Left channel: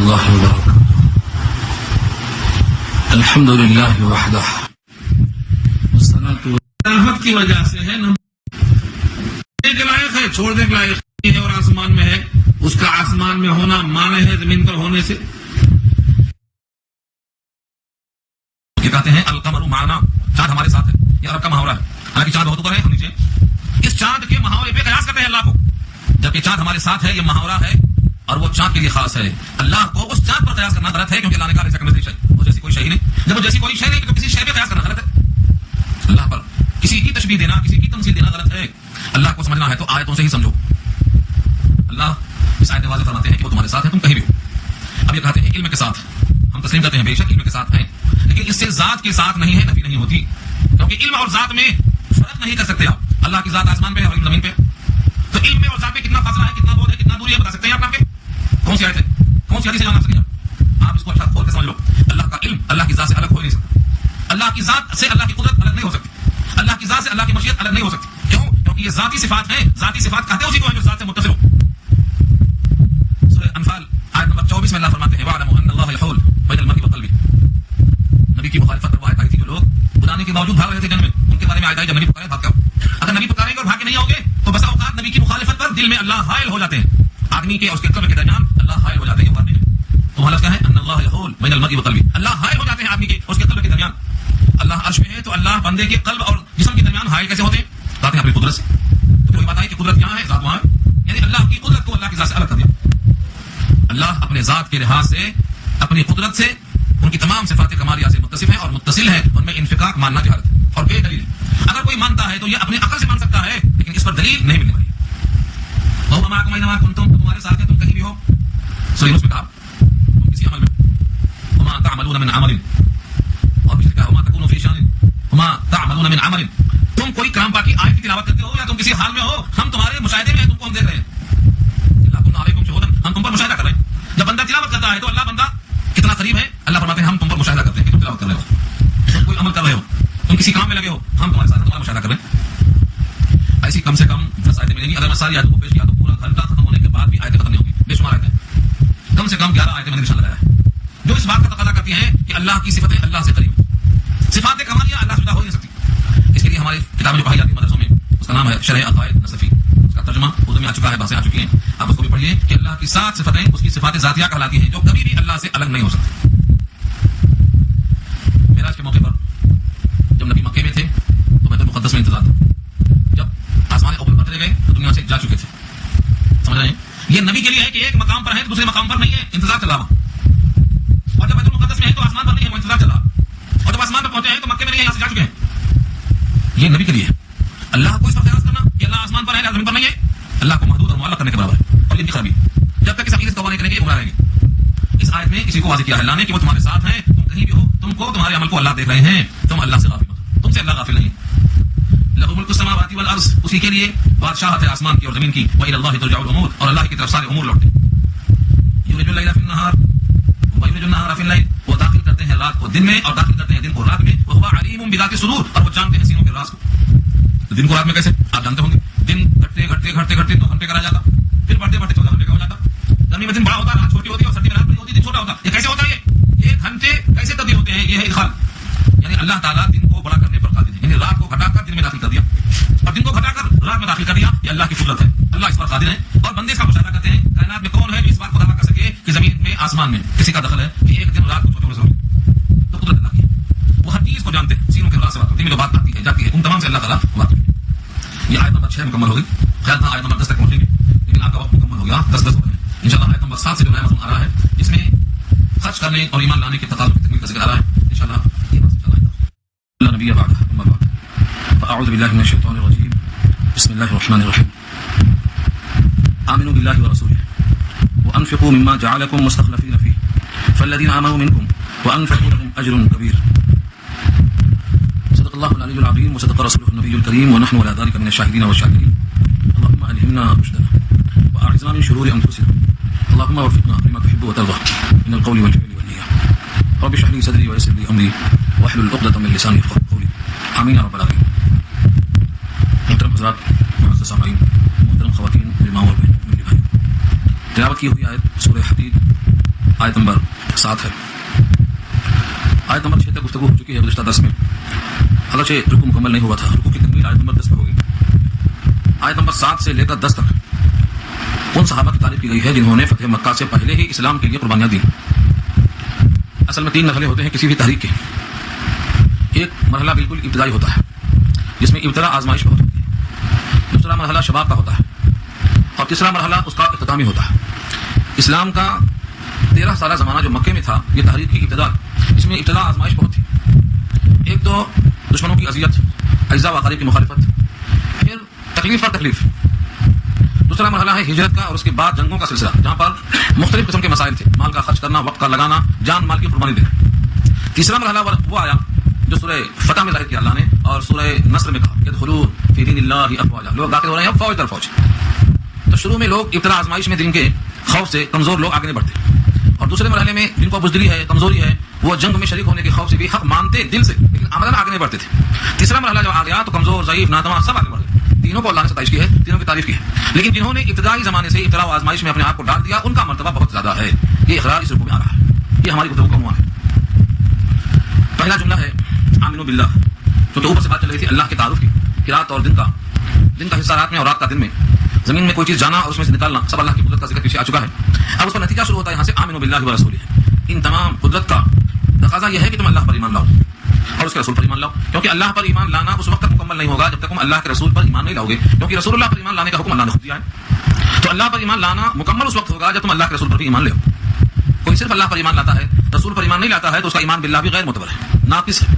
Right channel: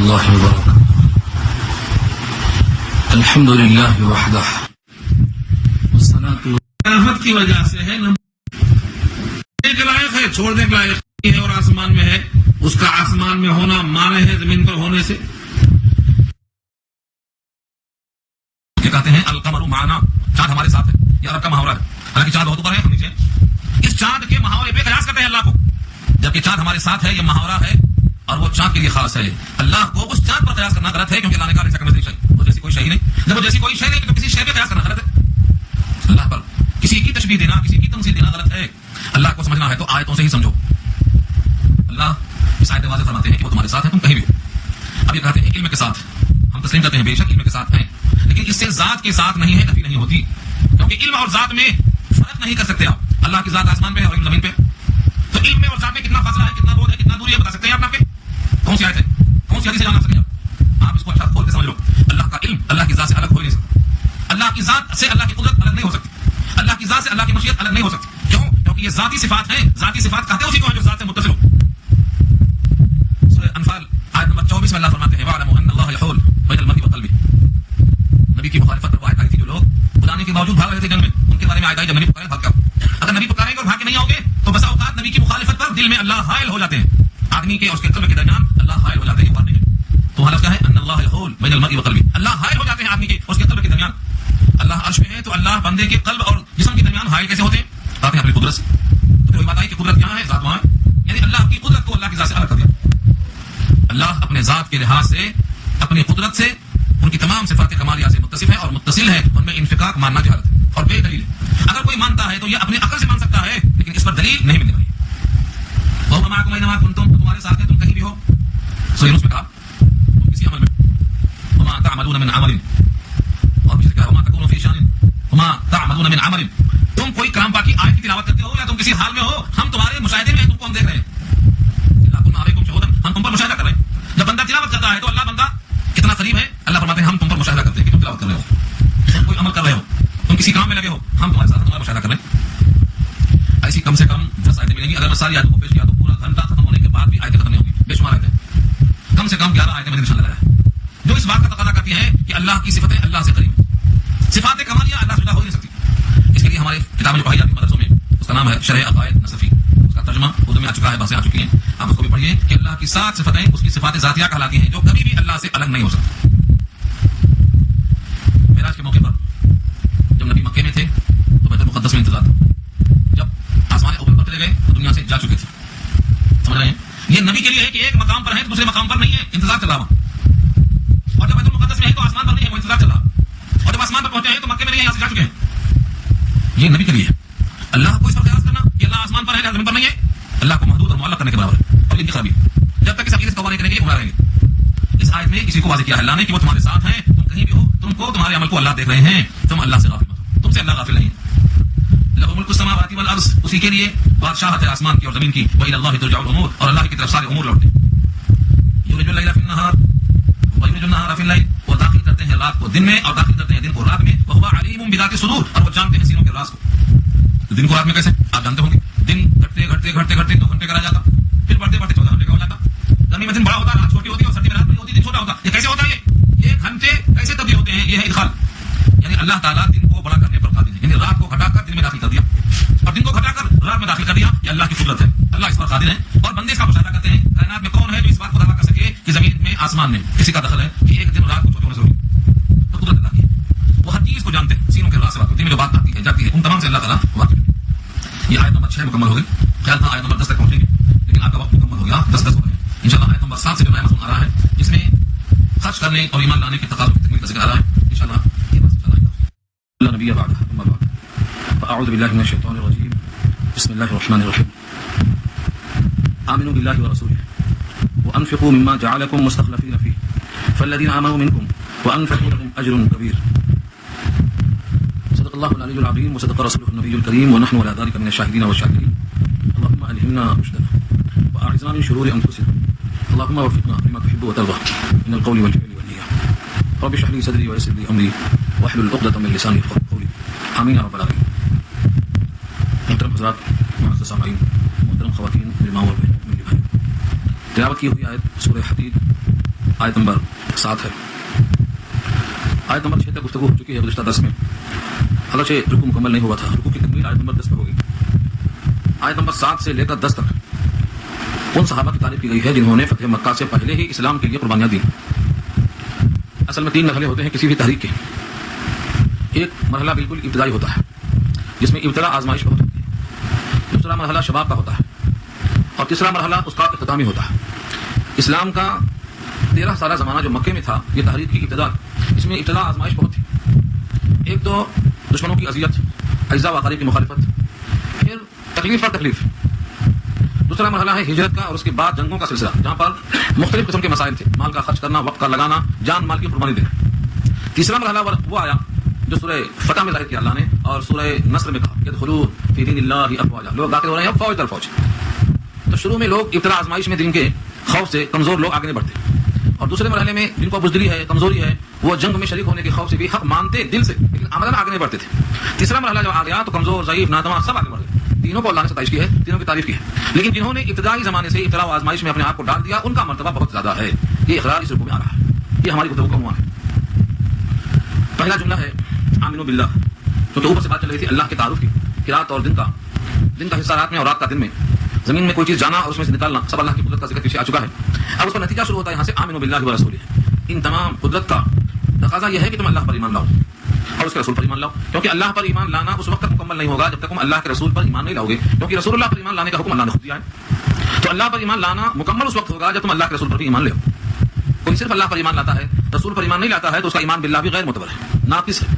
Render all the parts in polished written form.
اللہ وبرکاتہ الحمد للہ وحدہ والصلاة خلافت کی وجہ سے ہے، ایک لائق ہے، چھوڑنے کے لائق ہے، اور آسمان میں ہے، اس کا آسمان میں ہونا مانے ہے زمین پر ہونے سے۔ یہ کہتے ہیں القمر معنا، چاند ہمارے ساتھ ہے، یہ عرب کا محاورہ ہے، حالانکہ چاند بہت اوپر ہے ہم نیچے۔ اس چاند کے محاورے پہ قیاس کرتے ہیں اللہ کو، جبکہ چاند ہمارے ساتھ ہے، یہ محاورہ ہے اور وہ چاند کے لیے خاص ہے۔ اللہ کو اس چاند پر قیاس کرنا غلط ہے، کیونکہ اللہ نے کہا ایسا کمثلہ شیء، وہ جیسی کوئی شے نہیں۔ جب وہ جیسی کوئی شے نہیں تو کسی شے پہ قیاس کرنا غلط ہے۔ اللہ پر کسی کی تشبیہ دینا، کسی کی تمثیل دینا غلط ہے۔ اللہ کو سمجھنا ہے تو آیتوں سے ہی سمجھو۔ اللہ اس آیت میں واضح فرماتے ہیں کہ وہ تمہارے ساتھ ہیں، تم کہیں بھی ہو۔ اب یہ کہتے ہیں علم کے ساتھ، ہم تسلیم کرتے ہیں بے شک علم کے ساتھ ہیں، لیکن اس سے ذات کے ساتھ نہیں ہے، نفی نہیں ہوتی، کیونکہ علم اور ذات میں فرق نہیں کر سکتے آپ۔ اللہ کی ذات آسمان پہ ہے اور علم زمین پہ، تو علم میں اور ذات میں کتنا فاصلہ ہے، کتنا بعد ہے، کتنا دوری ہے، بتا سکتے ہیں آپ؟ کون سی آیت ہے، کون سی حدیث سے جان سکتے ہیں آپ؟ اس کو اچھا کھول کے سمجھ لو۔ اللہ کا علم اللہ کی ذات سے الگ ہو ہی نہیں سکتا، اللہ کی ذات سے اللہ کی قدرت الگ نہیں ہو سکتی، اللہ کی ذات سے اللہ کی مشیت الگ نہیں ہو سکتی۔ کیوں؟ کیونکہ یہ ذاتی صفات ہیں، ذاتی صفات کہتے ہیں اسی کو ہیں جو ذات سے متصل ہو۔ سورہ انفال آیت نمبر 24 میں اللہ فرماتے ہیں وَاعْلَمُوا أَنَّ اللَّهَ يَحُولُ بَيْنَ الْمَرْءِ وَقَلْبِهِ۔ نبی کی مخالفت پر وہ آیت آئی تھی، جو لوگ بلانے کے باوجود بھاگ رہے تھے جنگ میں، ان کے بارے میں آیت آئی جب نبی پکارے بھاگ کے آؤ۔ اگر نبی پکاریں گے اور بھاگ کے نہیں آؤ گے تو بسا اوقات نبی کی مخالفت پر دل میں اللہ حائل ہو جاتے ہیں، آدمی کے اور اس کے قلب کے درمیان اللہ حائل ہو جاتے ہیں۔ یہ وارننگ ہے، تو حالت کیا ہے؟ ان اللہ یحول بین المرء وقلبه، اللہ حائل ہو جاتے ہیں آدمی کے اور اس کے قلب کے درمیان۔ اللہ عرش میں ہے تو اللہ بندے کے قلب اور جسم کے درمیان حائل کیسے ہوتے ہیں؟ کہتے ہیں اپنی قدرت سے۔ تو پھر وہی بات آئی کہ قدرت یہاں ہے، ذات وہاں ہے، یعنی اللہ کی قدرت کو اللہ کی ذات سے الگ کر دیا۔ اللہ اپنے ذات کے لحاظ سے، اپنی قدرت سے، ان کی تمام صفات کمالیہ سے متصف ہے اور متصل ہے، ان میں انفقاق ماننا جہالت ہے اور بے دلیل ہے۔ اگر کوئی مانتا ہے تو یہ اپنی عقل سے مان سکتا ہے، لیکن اس پر دلیل نہیں ملنے والی۔ وَهُوَ مَعَكُمْ أَيْنَمَا كُنتُمْ، تمہارے ساتھ ہے، تم کہیں بھی ہو۔ سورہ یونس میں کہا تم کسی عمل میں ہو، وَمَا تَعْمَلُونَ مِنْ عَمَلٍ، اور پیچھے کہا وَمَا تَكُونُوا فِي شَأْنٍ وَمَا تَعْمَلُونَ مِنْ عَمَلٍ۔ تم کوئی کلام پاک کی آیت کی تلاوت کرتے ہو یا تم کسی حال میں ہو، ہم تمہارے مشاہدے میں ہیں، تم کو ہم دیکھ رہے ہیں۔ اللہ كُنَّا عَلَيْكُمْ شُهُودًا، ہم تم پر مشاہدہ کر رہے ہیں۔ جب بندہ تلاوت کرتا ہے تو اللہ بندہ کتنا قریب ہے، اللہ فرماتے ہیں ہم تم پر مشاہدہ کرتے ہیں کہ تم تلاوت کر رہے ہو، تم کوئی عمل کر رہے ہو، تم کسی کام میں لگے ہو، ہم تمہارے ساتھ تمہارا مشاہدہ کر رہے ہیں۔ ایسی کم سے کم 10 آیتیں ملیں گی، اگر میں ساری آیتوں کو پیش کیا تو پورا گھنٹہ ختم ہونے کے بعد بھی آیتیں ختم نہیں ہوگی، بے شمار آیتیں، کم سے کم 11 آیتیں میں نے نشان لگایا ہے، جو اس بات کا تقاضا کرتی ہیں کہ اللہ کی صفتیں اللہ سے قریب، صفات کمالیہ اللہ سے جدا ہو ہی نہیں سکتی۔ اس کے لیے ہماری کتابیں جو پڑھائی جاتی ہیں مدرسوں میں، اس کا نام ہے شرح عقائد نصفی، اس کا ترجمہ اردو میں آ چکا ہے، باتیں آ چکی ہیں، آپ اس کو بھی پڑھیے کہ اللہ کی 7 صفتیں اس کی صفات ذاتیہ کہلاتی ہیں، جو کبھی بھی اللہ سے الگ نہیں ہو سکتی۔ معراج کے موقع پر جب نبی مکے میں تھے تو بیت المقدس میں انتظار تھا، جب آسمان اوپر پر چلے گئے تو دنیا سے جا چکے تھے، سمجھ رہے ہیں؟ یہ نبی کے لیے ہے کہ ایک مقام پر ہے تو دوسرے مقام پر نہیں ہے، انتظار چل رہا وہاں، اور جب بیت المقدس میں ہے تو آسمان پر نہیں ہے، وہ انتظار چل رہا، اور جب آسمان پر پہنچے ہیں تو مکے میں نہیں ہے، یہاں سے جا چکے ہیں۔ یہ نبی کے لیے ہے۔ اللہ کو اس پر قیاس کرنا کہ اللہ آسمان پر ہے زمین پر نہیں ہے، اللہ کو محدود اور معلق کرنے کے برابر ہے، اور یہ ان کی خرابی ہے۔ جب تک اس عقیدے سے توبہ نہیں کریں گے گمراہ رہیں گے۔ اس آیت میں اسی کو واضح کیا ہے اللہ نے کہ وہ تمہارے ساتھ ہیں، تم کہیں بھی ہو، تم کو تمہارے عمل کو اللہ دیکھ رہے ہیں، تم اللہ سے غافل مت ہو، تم سے اللہ غافل نہیں ہے۔ لَهُ مُلْكُ السَّمَاوَاتِ وَالْأَرْضِ، اسی کے لیے بادشاہت ہے آسمان کی اور زمین کی، وَإِلَى اللَّهِ تُرْجَعُ الْأُمُورُ، اور اللہ کی طرف سارے امور لوٹتے ہیں۔ يُولِجُ اللَّيْلَ فِي النَّهَارِ وَيُولِجُ النَّهَارَ فِي اللَّيْلِ، وہ داخل کرتے ہیں رات کو دن میں اور داخل کرتے ہیں دن کو رات میں، وَهُوَ عَلِيمٌ بِذَاتِ الصُّدُورِ، اور وہ جانتے ہیں سینوں کے راز کو۔ تو دن کو رات میں کیسے؟ آپ جانتے ہوں گے، دن گھٹتے گھٹتے گھٹتے گھٹتے 2 گھنٹے کا رہ جاتا، پھر بڑھتے بڑھتے 14 گھنٹے کا ہو جاتا، گرمی میں دن بڑا ہوتا، رات چھوٹی ہوتی، اور سردی میں رات بڑی ہوتی، دن چھوٹا ہوتا۔ یہ کیسے ہوتا ہے؟ یہ گھنٹے کیسے تبدیل ہوتے ہیں؟ یہ ہے ادخال، یعنی اللہ تعالیٰ دن کو بڑا کرنے پر قادر ہے، یعنی رات کو گھٹا کر دن میں داخل کر دیا اور دن کو گھٹا کر رات میں داخل کر دیا، یہ اللہ کی قدرت ہے، اللہ اس پر قادر ہے۔ اور بندے اس کا مشاہدہ کرتے ہیں، کائنات میں کون ہے جو اس بات کو دعویٰ کر سکے کہ زمین میں آسمان میں کسی کا دخل ہے کہ ایک دن رات کو چھوٹے ہونے سے ہوگی؟ تو قدرت اللہ کی ہے، وہ ہر چیز کو جانتے ہیں، سینوں کے راز سے واقف، دن میں جو بات آتی ہے جاتی ہے، ان تمام سے اللہ تعالیٰ واقف ہے۔ یہ آیت نمبر 6 مکمل ہو گئی، خیال تھا آیت نمبر 10 تک پہنچیں گے، لیکن آپ کا وقت مکمل ہو گیا، 10 ہو گئے ہیں۔ انشاءاللہ آیت نمبر 7 سے جو نیا مضمون آ رہا ہے، جس میں خرچ کرنے اور ایمان لانے کے تقاضوں کی تکمیل کا ذکر آ رہا ہے، انشاءاللہ یہ بات انشاءاللہ نبی بعد اعوذ باللہ من الشیطان الرجیم بسم اللہ الرحمن الرحیم آمنوا باللہ ورسولہ وانفقوا مما جعلکم مستخلفین فیہ فالذین آمنوا منکم وانفقوا لهم اجر کبیر۔ صدق اللہ العلی العظیم وصدق رسولہ النبی الکریم ونحن على ذلك من الشاهدین والشاکرین۔ اللهم الهمنا رشدنا واعرضنا من شرور انفسنا، اللهم وفقنا لما تحب وترضى من القول والفعل والنية، رب اشرح لي صدري ويسر لي امري واحلل عقدة من لساني يفقهوا قولي، آمین یا رب العالمین۔ محترم حضرات، معزز سامعین، محترم خواتین، علماء اور بہنوں، تلاوت کی ہوئی آیت سورہ حدید آیت نمبر 7 ہے. آیت نمبر 6 تک گفتگو ہو چکی ہے گزشتہ درس میں، اگرچہ رکوع مکمل نہیں ہوا تھا. رکوع کی تکمیل آیت نمبر 10 تک ہوگی. آیت نمبر 7 سے لے کر 10 تک ان صحابہ کی تعریف کی گئی ہے جنہوں نے فتح مکہ سے پہلے ہی اسلام کے لیے قربانیاں دی. اصل میں 3 مرحلے ہوتے ہیں کسی بھی تحریک کے. ایک مرحلہ بالکل ابتدائی ہوتا ہے جس میں ابتدا آزمائش پر ہوتی ہے. دوسرا مرحلہ شباب کا ہوتا ہے اور تیسرا مرحلہ اس کا اختتامی ہوتا ہے. اسلام کا 13 سالہ زمانہ جو مکے میں تھا، یہ تحریک کی ابتدا، اس میں ابتدا آزمائش پر ہوتی. ایک تو دشمنوں کی اذیت، اجزا و اقارب کی مخالفت، پھر تکلیف پر تکلیف. دوسرا مرحلہ ہے ہجرت کا اور اس کے بعد جنگوں کا سلسلہ، جہاں پر مختلف قسم کے مسائل تھے، مال کا خرچ کرنا، وقت کا لگانا، جان مال کی قربانی دینا. تیسرا مرحلہ وہ آیا جو سورہ فتح میں ظاہر کیا اللہ نے اور سورہ نصر میں کہا یدخلوا فی دین اللہ افواجا، لوگ داخل ہو رہے ہیں فوج در فوج. تو شروع میں لوگ ابتدا آزمائش میں دین کے خوف سے کمزور لوگ آگے نہیں بڑھتے، اور دوسرے مرحلے میں جن کو بزدلی ہے، کمزوری ہے، وہ جنگ میں شریک ہونے کے خوف سے بھی حق مانتے دل سے، لیکن عملاً آگے نہیں بڑھتے تھے. تیسرا مرحلہ جب آ گیا تو کمزور، ضعیف، ناتواں سب آگے بڑھ گئے. تینوں کو اللہ نے ستائش کی ہے، تینوں کی تعریف کی ہے. لیکن جنہوں نے ابتدائی زمانے سے ابتدا و آزمائش میں اپنے آپ کو ڈال دیا، ان کا مرتبہ بہت زیادہ ہے. یہ اقرار اس رکوع میں آ رہا ہے. یہ ہماری گفتگو کا عنوان ہے. پہلا جملہ ہے آمنوا باللہ. تو اوپر سے بات چل رہی تھی اللہ کے تعارف کی، رات اور دن کا حصہ رات میں اور رات کا دن میں، زمین میں کوئی چیز جانا اور اس میں سے نکالنا، سب اللہ کی قدرت کا ذکر پیچھے آ چکا ہے. اب اس کا نتیجہ شروع ہوتا ہے یہاں سے آمنوا باللہ و رسولہ. ان تمام قدرت کا تقاضا یہ ہے کہ تم اللہ پر ایمان لاؤ اور اس کے رسول پر ایمان لاؤ، کیونکہ اللہ پر ایمان لانا اس وقت تک مکمل نہیں ہوگا جب تک تم اللہ کے رسول پر ایمان نہیں لاؤ گے، کیونکہ رسول اللہ پر ایمان لانے کا حکم اللہ نے خود دیا ہے. تو اللہ پر ایمان لانا مکمل اس وقت ہوگا جب تم اللہ کے رسول پر بھی ایمان لے. کوئی صرف اللہ پر ایمان لاتا ہے، رسول پر ایمان نہیں لاتا ہے، تو اس کا ایمان باللہ بھی غیر معتبر ہے، ناقص ہے.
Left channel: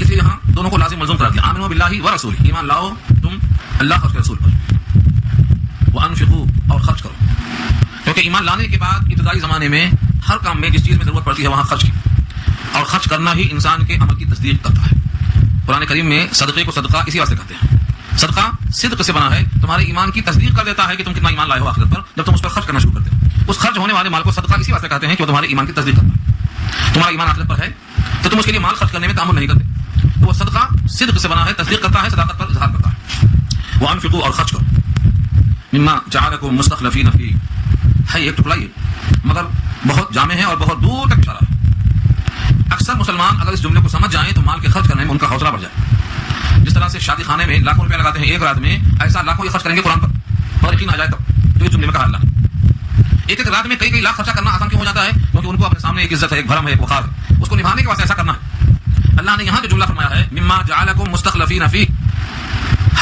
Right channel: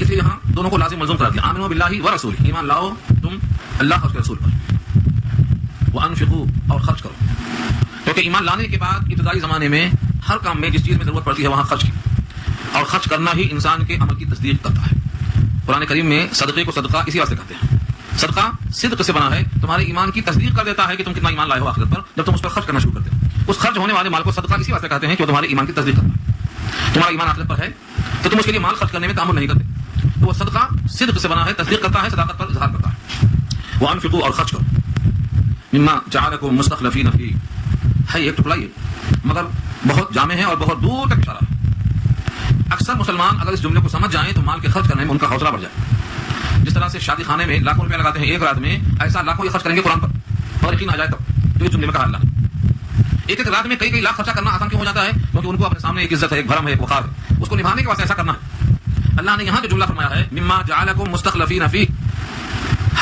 اس لیے یہاں دونوں کو لازم ملزوم کرا دیا. آمنوا باللہ و رسول، ایمان لاؤ تم اللہ اور اس کے رسول پر. وانفقوا، اور خرچ کرو، کیونکہ ایمان لانے کے بعد ابتدائی زمانے میں ہر کام میں جس چیز میں ضرورت پڑتی ہے وہاں خرچ کی، اور خرچ کرنا ہی انسان کے عمل کی تصدیق کرتا ہے. قرآن کریم میں صدقے کو صدقہ اسی واسطے کہتے ہیں. صدقہ صدق سے بنا ہے، تمہارے ایمان کی تصدیق کر دیتا ہے کہ تم کتنا ایمان لائے ہو آخرت پر، جب تم اس پر خرچ کرنا شروع کرتے ہیں. اس خرچ ہونے والے مال کو صدقہ اسی واسطے کہتے ہیں کہ تمہارے ایمان کی تصدیق کرنا. تمہارا ایمان آخرت پر ہے تو تم اس کے لیے مال خرچ کرنے میں تعامل نہیں کرتے. وہ صدقہ صدق سے بنا ہے، تصدیق کرتا ہے، صداقت پر اظہار کرتا ہے. وانفقوا، اور خرچ کرو. مما جعلکم مستخلفین فیہ، ہے ایک ٹکڑا یہ، مگر بہت جامع ہے اور بہت دور تک اشارہ ہے. اکثر مسلمان اگر اس جملے کو سمجھ جائیں تو مال کے خرچ کرنے میں ان کا حوصلہ بڑھ جائے. جس طرح سے شادی خانے میں لاکھوں روپے لگاتے ہیں ایک رات میں، ایسا لاکھوں خرچ کریں گے قرآن پر، اور یقین آ جائے تب تو یہ جملے میں کہا اللہ. ایک رات میں کئی لاکھ خرچہ کرنا آسان کیوں ہو جاتا ہے؟ کیونکہ ان کو اپنے سامنے ایک عزت ہے، ایک بھرم ہے، ایک وقار ہے، اس کو نبھانے کے واسطے ایسا کرنا ہے. اللہ نے یہاں جو جملہ فرمایا ہے مما جعلکم مستخلفین فیہ،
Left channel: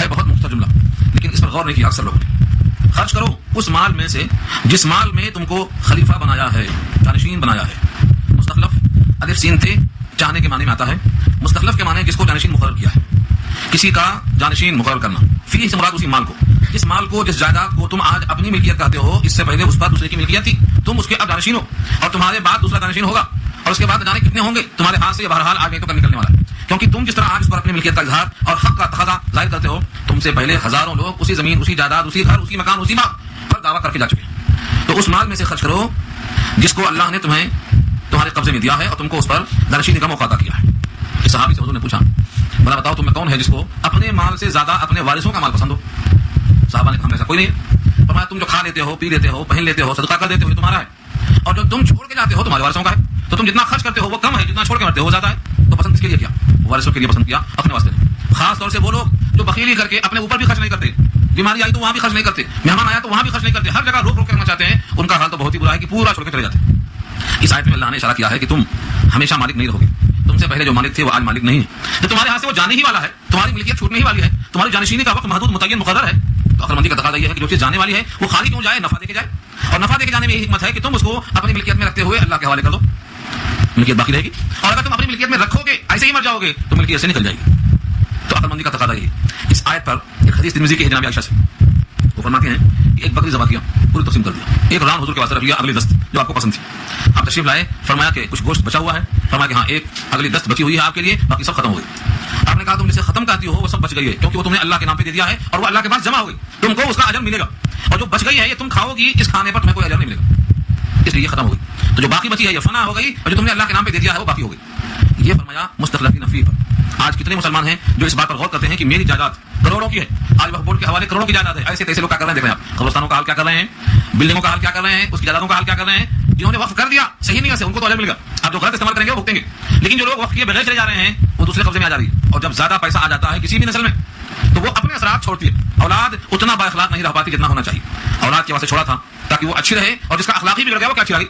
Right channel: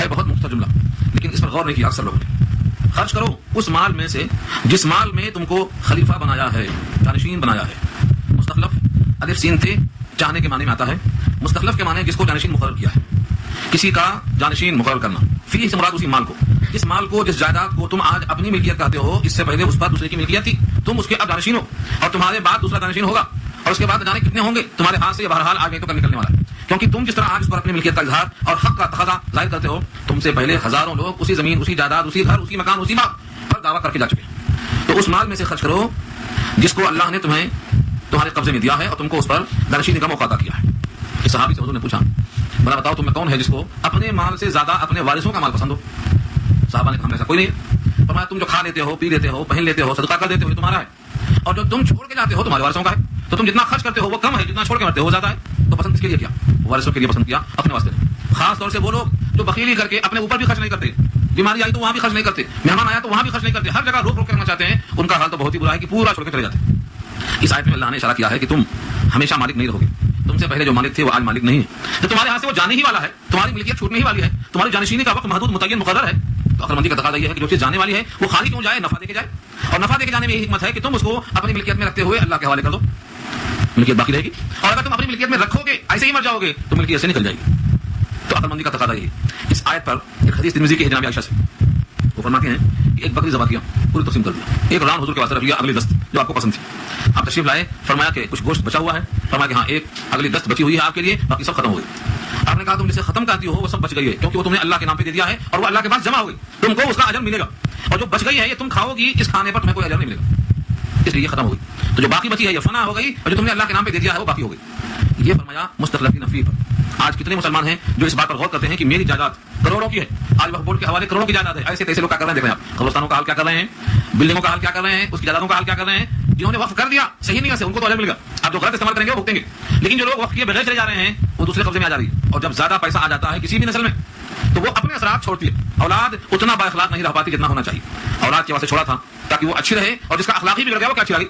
ہے بہت مختصر جملہ، لیکن اس پر غور نہیں کیا اکثر لوگوں نے. خرچ کرو اس مال میں سے جس مال میں تم کو خلیفہ بنایا ہے، جانشین بنایا ہے. مستخلف الف سین تے چاہنے کے معنی میں آتا ہے. مستخلف کے معنی جس کو جانشین مقرر کیا ہے، کسی کا جانشین مقرر کرنا. فی سے مراد اسی مال کو، جس مال کو، جس جائیداد کو تم آج اپنی ملکیت کہتے ہو، اس سے پہلے اس کا دوسرے کی ملکیت تھی، تم اس کے اب جانشین ہو، اور تمہارے بعد دوسرا جانشین ہوگا، اور اس کے بعد جانے کتنے ہوں گے تمہارے ہاتھ سے بہرحال آگے تو کل نکلنے والا ہے. کیونکہ تم جس طرح آج اس پر اپنی ملکیت کا اظہار اور حق کا تقاضا ظاہر کرتے ہو، تم سے پہلے ہزاروں لوگ اسی زمین، اسی جائیداد، اسی گھر، اسی مکان، اسی مال پر دعویٰ کر کے جا چکے ہیں. تو اس مال میں سے خرچ کرو جس کو اللہ نے تمہیں تمہارے قبضے میں دیا ہے اور تم کو اس پر جانشینی کا موقع عطا کیا ہے. صحابی سے حضور نے پوچھا، بڑا بتاؤ تم میں کون ہے جس کو اپنے مال سے زیادہ اپنے وارثوں کا مال پسند ہو؟ صحابہ نے کہا ایسا کوئی نہیں. فرمایا تم جو کھا لیتے ہو، پی لیتے ہو، پہن لیتے ہو، صدقہ کر دیتے ہو، تمہارا ہے، اور جو تم چھوڑ کے جاتے ہو تمہارے وارثوں کا ہے. تو تم جتنا خرچ کرتے ہو وہ کم ہے، جتنا چھوڑ کے مرتے ہو زیادہ ہے. تو پسند کس کے لیے کیا؟ وارثوں کے لیے پسند کیا، اپنے واسطے. خاص طور سے وہ لوگ جو بخیلی کر کے اپنے اوپر بھی خرچ نہیں کرتے، بیماری آئی تو وہاں بھی خرچ نہیں کرتے، مہمان آیا تو وہاں بھی خرچ نہیں کرتے، ہر جگہ روک روک کے رکھنا چاہتے ہیں، ان کا حال تو بہت ہی برا ہے کہ پورا چھوڑ کے چلے جاتے ہیں. اس آیت میں اللہ نے اشارہ کیا ہے کہ تم ہمیشہ مالک نہیں رہو گے. تم سے پہلے جو مالک تھے وہ آج مالک نہیں. یہ تمہارے ہاتھ سے وہ جانے ہی والا ہے، تمہاری ملکیت چھوٹنے ہی والی ہے، تمہاری جانشینی کا وقت محدود متعین مقرر ہے. تو عقل مندی کا تقاضا یہ ہے کہ جو چیز جانے والی ہے وہ خالی کیوں جائے، نفع دے کے جائے. اور نفع دے کے جانے میں یہ حکمت ہے کہ تم اس کو اپنی ملکیت میں رکھتے ہوئے اللہ کے حوالے کر دو، ملکیت باقی رہے گی. اور اگر تم اپنی ملکیت میں رکھو گے، ایسے ہی مر جاؤ گے تو ملکیت سے نکل جائے گی. تو عقل مندی کا تقاضا یہ. اس آیت پر ایک حدیث ترمذی کی ہے جناب عائشہ سے، وہ فرماتے ہیں کہ ایک بکری ذبح کیا، پوری تقسیم کر دیا. ایک رام حضور کے واسطے رکھ لیا، اگلی دست جو آپ کو پسند تھی. آپ تشریف لائے، فرمایا کہ کچھ گوشت بچا ہوا ہے، فرمایا کہ ہاں ایک اگلی دست بچی ہوئی ہے آپ کے لیے، باقی سب ختم ہو گئی. آپ نے کہا تم اسے ختم کرتی ہو، وہ سب بچ گئی ہے کیونکہ وہ تم نے اللہ کے نام پہ دے دیا ہے اور وہ اللہ کے پاس جمع ہو گئی، تم کو اس کا اجر ملے گا. اور جو بچ گئی ہے یہ تم کھاؤ گی، اس کھانے پر تمہیں کوئی اجر نہیں ملے گا، اس لیے یہ ختم ہو گئی. تو جو باقی بچی ہے یہ فنا ہو گئی، اور جو تم نے اللہ کے نام پہ دے دیا ہے وہ باقی ہو گئی. یہ فرمایا مستخلفین فیہ. آج کتنے مسلمان ہیں جو اس بات پر غور کرتے ہیں کہ میری جائیداد کروڑوں کی ہے، آل وقف بورڈ کے حوالے کروڑوں کی جائیداد ہے. ایسے کیسے لوگ کیا کر رہے ہیں؟ دیکھ رہے ہیں قبرستانوں کا حال کیا کر رہے ہیں، بلڈنگوں کا حال کیا کر رہے ہیں، اس کی جائیدادوں کا حال کیا کر رہے ہیں. جنہوں نے وقف کر دیا صحیح نہیں ہے، ان کو تو اجر ملے گا. اب جو غلط استعمال کریں گے وہ بھگتیں گے. لیکن جو لوگ وقف کیے بغیر چلے جا رہے ہیں وہ دوسرے قبضے میں آ جا رہی ہے. اور جب زیادہ پیسہ آ جاتا ہے کسی بھی نسل میں تو وہ اپنے اثرات چھوڑتی ہے. اولاد اتنا با اخلاق نہیں رہ پاتی جتنا ہونا چاہیے. اولاد کے واسطے چھوڑا تھا تاکہ وہ اچھی رہے، اور جس کا اخلاقی بھی لگا وہ کیا اچھی رہے.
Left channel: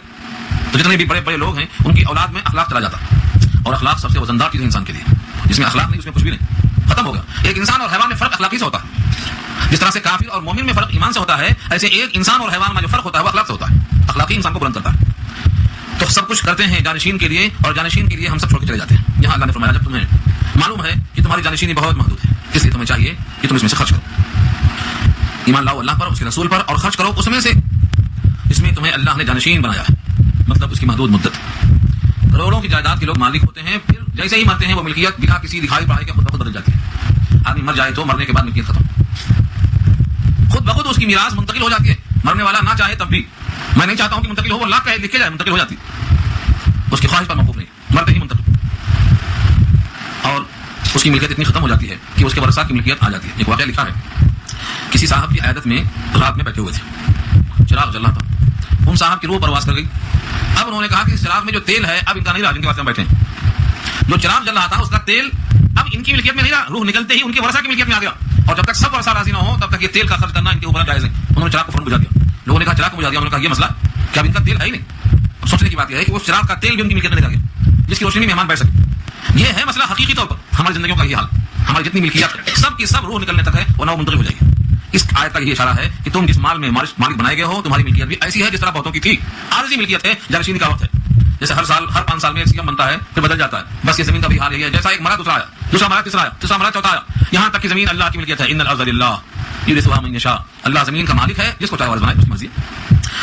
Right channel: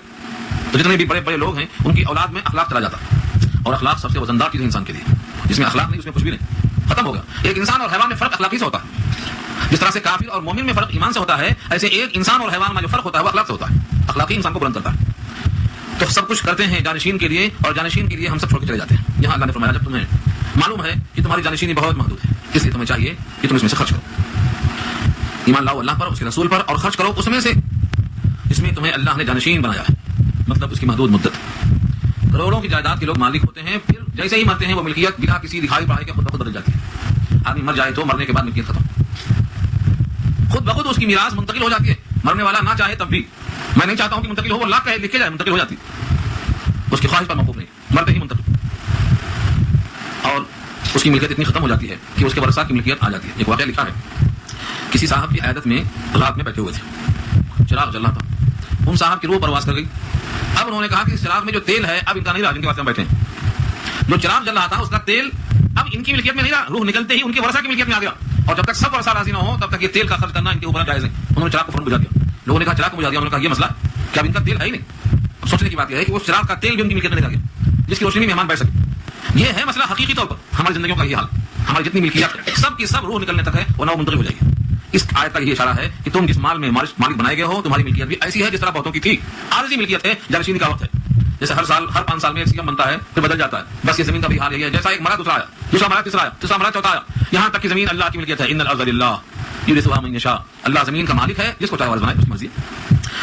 تو جتنے بھی بڑے بڑے لوگ ہیں ان کی اولاد میں اخلاق چلا جاتا، اور اخلاق سب سے وزندار چیز انسان کے لیے. جس میں اخلاق نہیں اس میں کچھ بھی نہیں، ختم ہوگا. ایک انسان اور حیوان میں فرق اخلاقی سے ہوتا ہے. جس طرح سے کافر اور مومن میں فرق ایمان سے ہوتا ہے، ایسے ایک انسان اور حیوان میں جو فرق ہوتا ہے وہ اخلاق سے ہوتا ہے. اخلاقی انسان کو بلند کرتا ہے. تو سب کچھ کرتے ہیں جانشین کے لیے، اور جانشین کے لیے ہم سب چھوڑ کے چلے جاتے ہیں. یہاں اللہ نے فرمایا جب تمہیں معلوم ہے کہ تمہاری جانشینی بہت محدود ہے، اس لیے تمہیں چاہیے کہ تم اس میں سے خرچ کرو. ایمان لاؤ اللہ پر، اس کے رسول پر، اور خرچ کرو اس میں سے جس میں تمہیں اللہ نے جانشین بنایا ہے. مطلب اس کی محدود مدت. کروڑوں کی جائیداد کے لوگ مالک ہوتے ہیں، پھر جیسے ہی مرتے ہیں وہ ملکیت بنا کسی دکھائی پڑھائی کے خود بخود بدل جاتی ہے. آدمی مر جائے تو مرنے کے بعد ملکیت ختم، خود بخود اس کی میراث منتقل ہو جاتی ہے. مرنے والا نہ چاہے تب بھی، میں نہیں چاہتا ہوں کہ منتقل ہو، وہ اللہ کہے لکھ کے جائے منتقل ہو جاتی. اس کی خواہش پر موقوف نہیں، مرتے ہی منتقل. اور اس کی ملکیت اتنی ختم ہو جاتی ہے کہ اس کے ورثاء کی ملکیت آ جاتی ہے. ایک واقعہ لکھا ہے، کسی صاحب کی عیادت میں رات میں بیٹھے ہوئے تھے، چراغ جل رہا تھا. ان صاحب کی روح پرواز کر گئی. اب انہوں نے کہا کہ اس چراغ میں جو تیل ہے اب ان کا نہیں رہا، جن کے واسطے ہم بیٹھے ہیں. جو چراغ جل رہا تھا اس کا تیل اب ان کی ملکیت میں نہیں رہا، روح نکلتے ہی ان کے ورثاء کی ملکیت میں آ گیا. اور جب تک سب ورثاء راضی نہ ہو تب تک یہ تیل کا خرچ کرنا ان کے اوپر جائز ہے. انہوں نے چراغ کو فوراً بجھا دیا. لوگوں نے کہا چراغ کو بجھا دیا. انہوں نے کہا یہ مسئلہ کیا ان کا تیل ہے ہی نہیں. اب سوچنے کی بات یہ ہے کہ وہ چراغ کا تیل بھی ان کی ملکیت میں نکل گیا جس کی روشنی میں مہمان بیٹھ سکے. یہ ہے مسئلہ حقیقی طور پر ہماری زندگیوں کا یہ حال. ہماری جتنی ملکیت سب کی سب روح نکلنے تک ہے ورنہ وہ منتقل ہو جائے گی. اس آیت کا یہ اشارہ ہے کہ تم جس مال میں مالک بنائے گئے ہو تمہاری ملکیت بھی ایسی ہے جس طرح بہتوں کی تھی. عارضی ملکیت ہے، جانشینی کا وقت ہے. جیسے ہر سال ہر 5 سال میں ایک سکم بنتا ہے پھر بدل جاتا ہے. بس یہ زمین کا بھی حال ہے. جیسا ایک مرا دوسرا آیا، دوسرا مرا تیسرا آیا، تیسرا مرا چوتھا آیا، یہاں تک کہ زمین اللہ کی ملکیت ہے. ان الارض للہ یورثها من یشاء. اللہ زمین کا مالک ہے جس کو چاہے بنائے، اس مرضی.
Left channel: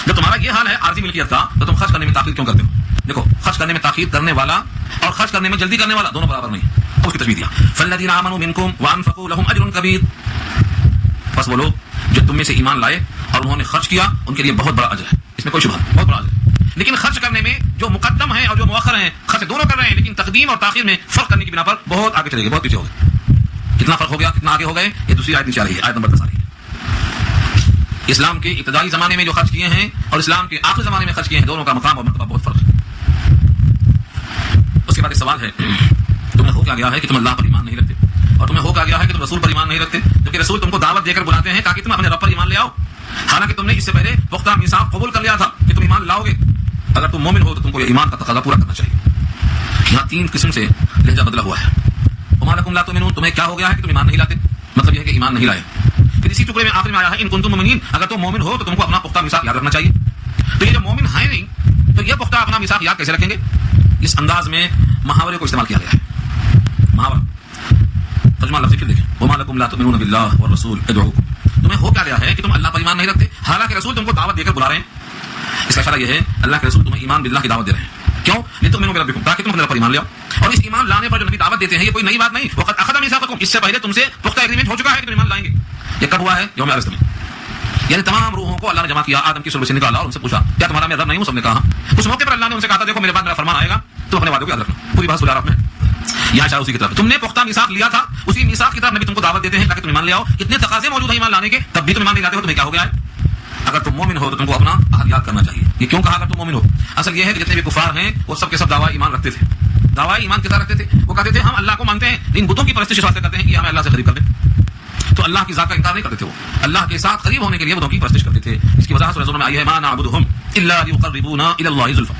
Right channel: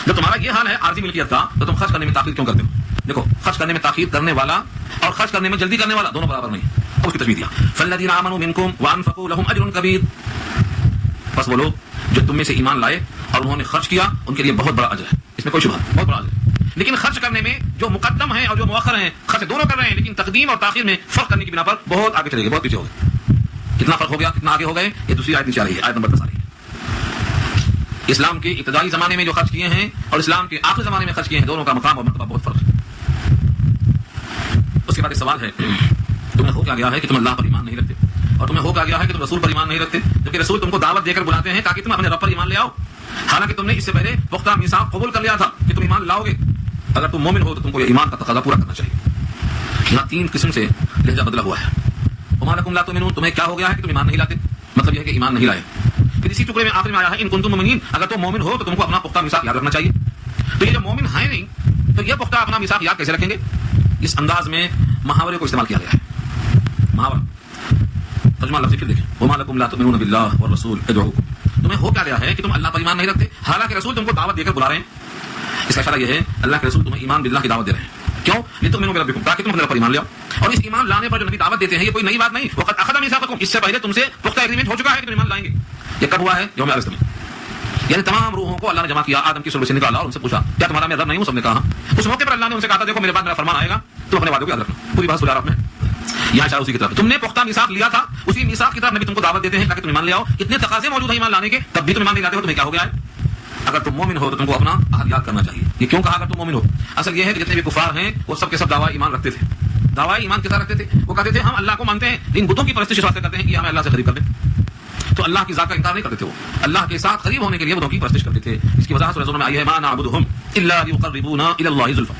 تو تمہارا یہ حال ہے عارضی ملکیت کا تو تم خرچ کرنے میں تاخیر کیوں کرتے ہو؟ دیکھو خرچ کرنے میں تاخیر کرنے والا اور خرچ کرنے میں جلدی کرنے والا دونوں برابر نہیں. اس کی تشبیہ دیا فالذین آمنوا منکم وانفقوا لهم اجر کبیر. بس وہ لوگ جو تم میں سے ایمان لائے اور انہوں نے خرچ کیا ان کے لیے بہت بڑا اجر ہے، اس میں کوئی شبہ نہیں، بہت بڑا اجر. لیکن خرچ کرنے میں جو مقدم ہے اور جو مؤخر ہیں، خرچ دونوں کر رہے ہیں لیکن تقدیم اور تاخیر میں فرق کرنے کی بنا پر بہت آگے چلے گئے، بہت پیچھے ہو گئے. کتنا فرق ہو گیا، کتنا آگے ہو گئے، یہ دوسری آیت نیچے آ رہی ہے، آیت نمبر 10 آ رہی ہے. اسلام کے ابتدائی زمانے میں جو خرچ کیے ہیں اور اسلام کے آخری زمانے میں خرچ کیے ہیں دونوں کا مقام اور مرتبہ بہت فرق ہے. اس کے بعد سوال ہے تمہیں ہو کیا گیا ہے کہ تم اللہ پر ایمان نہیں رکھتے، اور تمہیں ہو کیا گیا ہے کہ تم رسول پر ایمان نہیں رکھتے، جبکہ رسول تم کو دعوت دے کر بلاتے ہیں تاکہ تم اپنے رب پر ایمان لے آؤ. حالانکہ تم نے اس سے پہلے پختہ میثاق قبول کر لیا تھا کہ تم ایمان لاؤ گے. اگر تم مومن ہو تو تم کو یہ ایمان کا تقاضا پورا کرنا چاہیے. یہاں 3 قسم سے لہجہ بدلا ہوا ہے. وما لکم لا تؤمنون، تمہیں کیا ہو گیا ہے کہ تم ایمان نہیں لاتے، مطلب یہ ہے کہ ایمان نہیں لائے. پھر اسی ٹکڑے میں آخر میں آیا ہے ان کنتم مؤمنین، اگر تم مومن ہو تو تم کو اپنا پختہ میثاق یاد رکھنا چاہیے. تو یہ جو مومن ہے نہیں تو یہ پختہ اپنا میثاق یاد کیسے رکھیں گے؟ اس انداز میں محاورے کو استعمال کیا گیا ہے. محاورہ ترجمہ لفظ دیکھیں وما لکم لا تؤمنون باللہ والرسول ادعوا. تمہیں ہو کیا گیا ہے کہ تم اللہ پر ایمان نہیں رکھتے حالانکہ رسول تم کو دعوت دے کر بلا رہے ہیں. اس کا فائدہ یہ ہے اللہ کے رسول تمہیں ایمان باللہ کی دعوت دے رہے ہیں. کیوں؟ لتؤمنوا بربکم، تاکہ تم اللہ پر ایمان لے آؤ. اور اس ایمان لانے پر جو نبی دعوت دیتے ہیں یہ کوئی نئی بات نہیں. وقت اخذ میثاقکم، اس سے پہلے تم سے پختہ ایگریمنٹ ہو چکا ہے کہ تم ایمان لائیں گے. یہ کب ہوا ہے؟ یوم عرض میں. یعنی تمام روحوں کو اللہ نے جمع کیا، آدم کی صورت سے نکالا اور ان سے پوچھا کیا تمہارا میں رب نہیں ہوں؟ سب نے کہا. اس موقع پر اللہ نے ان سے کہا تھا دیکھو میرے بعد میرا فرمان آئے گا تو اپنے وعدے کو یاد رکھنا. پوری بات سنا آپ نے. یہ اشارہ اسی کی طرف تم نے پختہ میثاق لیا تھا، اسی میثاق کی طرف نبی تم کو دعوت دیتے ہیں تاکہ تم ایمان لے آؤ. اتنے تقاضے موجود ہیں ایمان لانے کے، تب بھی تم ایمان نہیں لاتے ہو. تمہیں کیا ہو گیا ہے؟ اگر تم مومن ہو تو تم کو اپنا عہد یاد کرنا چاہیے. یہ کیوں کہا اگر تم مومن ہو؟ اصل یہ ہے کہ جتنے بھی کفار ہیں وہ سب کے سب دعویٰ ایمان رکھتے تھے. دعویٰ ایمان کے ساتھ رکھتے تھے. وہ کہتے تھے ہم اللہ کو مانتے ہیں، ان بتوں کی پرستش کرتے ہیں کہ ہمیں اللہ سے قریب کر دیں. تو اللہ کی ذات کا انکار نہیں کرتے تھے. وہ اللہ کے ساتھ قریب ہونے کے لیے بتوں کی پرستش کرتے تھے. اس کی وضاحت سورہ زمر میں آئی ہے ما نعبدهم الا ليقربونا الى الله زلفى.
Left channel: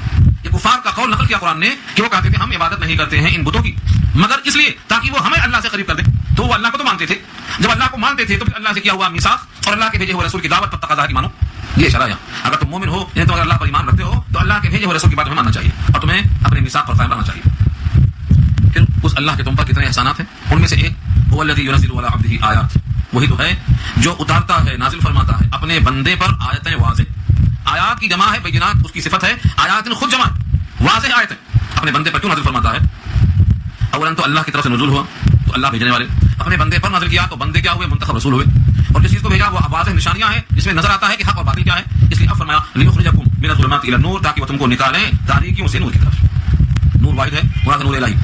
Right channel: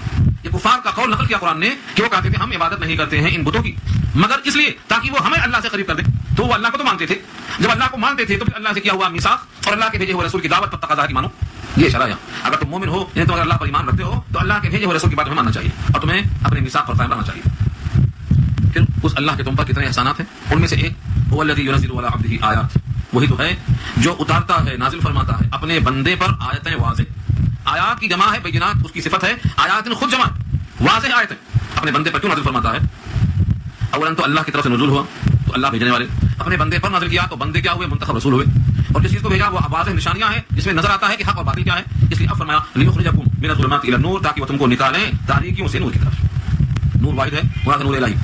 یہ کفار کا قول نقل کیا قرآن نے کہ وہ کہتے تھے ہم عبادت نہیں کرتے ہیں ان بتوں کی مگر اس لیے تاکہ وہ ہمیں اللہ سے قریب کر دیں. تو وہ اللہ کو تو مانتے تھے. جب اللہ کو مانتے تھے تو اللہ سے کیا ہوا میثاق اور اللہ کے بھیجے ہوئے رسول کی دعوت پر تقاضا ہے کہ مانو. یہ اشارہ ہے اگر تم مومن ہو یعنی تو اگر اللہ پر ایمان رکھتے ہو تو اللہ کے بھیجے ہوئے رسول کی بات تمہیں ماننا چاہیے اور تمہیں اپنے میثاق پر قائم رہنا چاہیے. پھر اس اللہ کے تم پر کتنے احسانات ہیں، ان میں سے ایک هو الذی ينزل على عبده آیات، وہی تو ہے جو اتارتا ہے نازل فرماتا ہے اپنے بندے پر آیتیں واضح. آیات کی جمع ہے بینات، اس کی صفت ہے آیات خود جمع واضح آیتیں. اپنے بندے پر کیوں نازل فرماتا ہے؟ اولا تو اللہ کی طرف سے نزول ہوا تو اللہ بھیجنے والے. اپنے بندے پر نازل کیا تو بندے کیا ہوئے؟ منتخب رسول ہوئے. اور جس چیز کو بھیجا وہ واضح نشانیاں ہیں جس میں نظر آتا ہے کہ حق اور باطل کیا ہے. اس لیے اب فرمایا لیخرجکم من الظلمات الى النور، تاکہ وہ تم کو نکالے تاریکیوں سے نور کی طرف. نور واحد ہے، مراد نور الہی،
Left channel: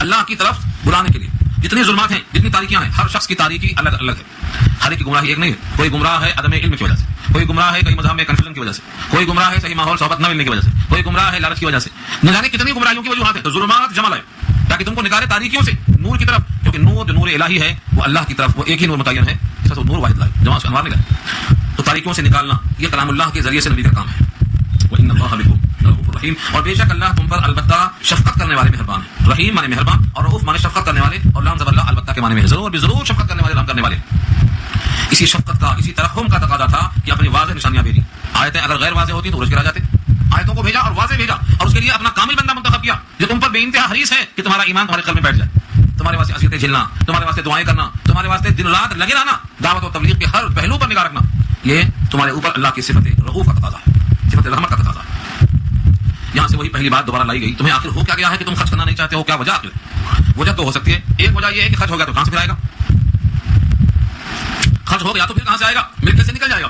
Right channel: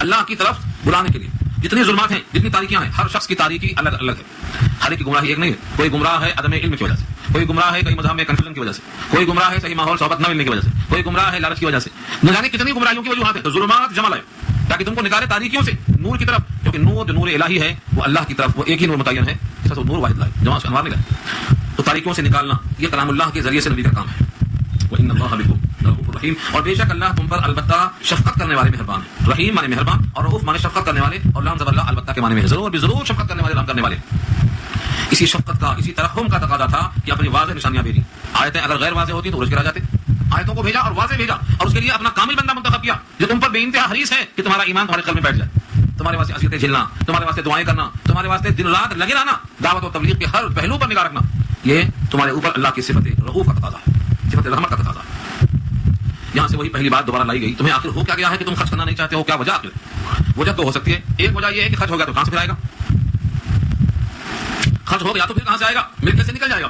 اللہ کی طرف بلانے کے لیے. جتنی ظلمات ہیں جتنی تاریکیاں ہیں ہر شخص کی تاریکی الگ الگ ہے. ہر ایک کی گمراہی ایک نہیں ہے. کوئی گمراہ ہے عدم علم کی وجہ سے, کوئی گمراہ ہے کوئی مذہب میں کنفیوژن کی وجہ سے, کوئی گمراہ ہے صحیح ماحول صحبت نہ ملنے کی وجہ سے, کوئی گمراہ ہے لالچ کی وجہ سے. نہ جانے کتنی گمراہیوں کی وجوہات ہیں. تو ظلمات جمع لائے تاکہ تم کو نکالے تاریکیوں سے نور کی طرف, کیونکہ نور جو نور الہی ہے وہ اللہ کی طرف, وہ ایک ہی نور متعین ہے, تو نور واحد ہے جمع سے مارنے کا. تو تاریکیوں سے نکالنا یہ کلام اللہ کے ذریعے سے نبی کا کام ہے. وَإِنَّ اللَّهَ بِكُمْ رَءُوفٌ رَحِيمٌ, اور بے شک اللہ تم پر البتہ شفقت کرنے والے مہربان ہے. رحیم مانے مہربان اور رؤوف مانے شفقت کرنے والے, اور لام زبر اللہ البتہ کے معنی میں ضرور بھی ضرور شفقت کرنے والے رحم کرنے والے. اسی شفقت کا اسی ترحم کا تقاضا تھا کہ اپنی واضح نشانیاں بھیجی. آیتیں اگر غیر واضح ہوتی تو رجھ گرا جاتے. آیتوں کو بھیجا اور واضح بھیجا اور اس کے لیے اپنا کامل بندہ منتخب کیا جو تم پر بے انتہا حریص ہے کہ تمہارا ایمان تمہارے قلب میں بیٹھ جائے. تمہارے واسطے اذیتیں جھیلنا, تمہارے واسطے دعائیں کرنا, تمہارے واسطے دن رات لگے رہنا, دعوت و تبلیغ کے ہر پہلو پر نگاہ رکھنا, یہ تمہارے اوپر اللہ کی صفت رؤوف کا تقاضا ہے, صفت رحمت کا تقاضا ہے. یہاں سے وہی پہلی بات دوبارہ لائی گئی. تمہیں آخر ہو کیا گیا ہے کہ تم خرچ کرنا نہیں چاہتے ہو؟ کیا وجہ ہے؟ وجہ تو ہو سکتی ہے. ایک وجہ یہ ہے کہ خرچ ہو گیا تو کہاں سے پھر آئے گا؟ خرچ ہو گیا تو پھر کہاں سے آئے گا؟ مل کیسے نکل جائے گا؟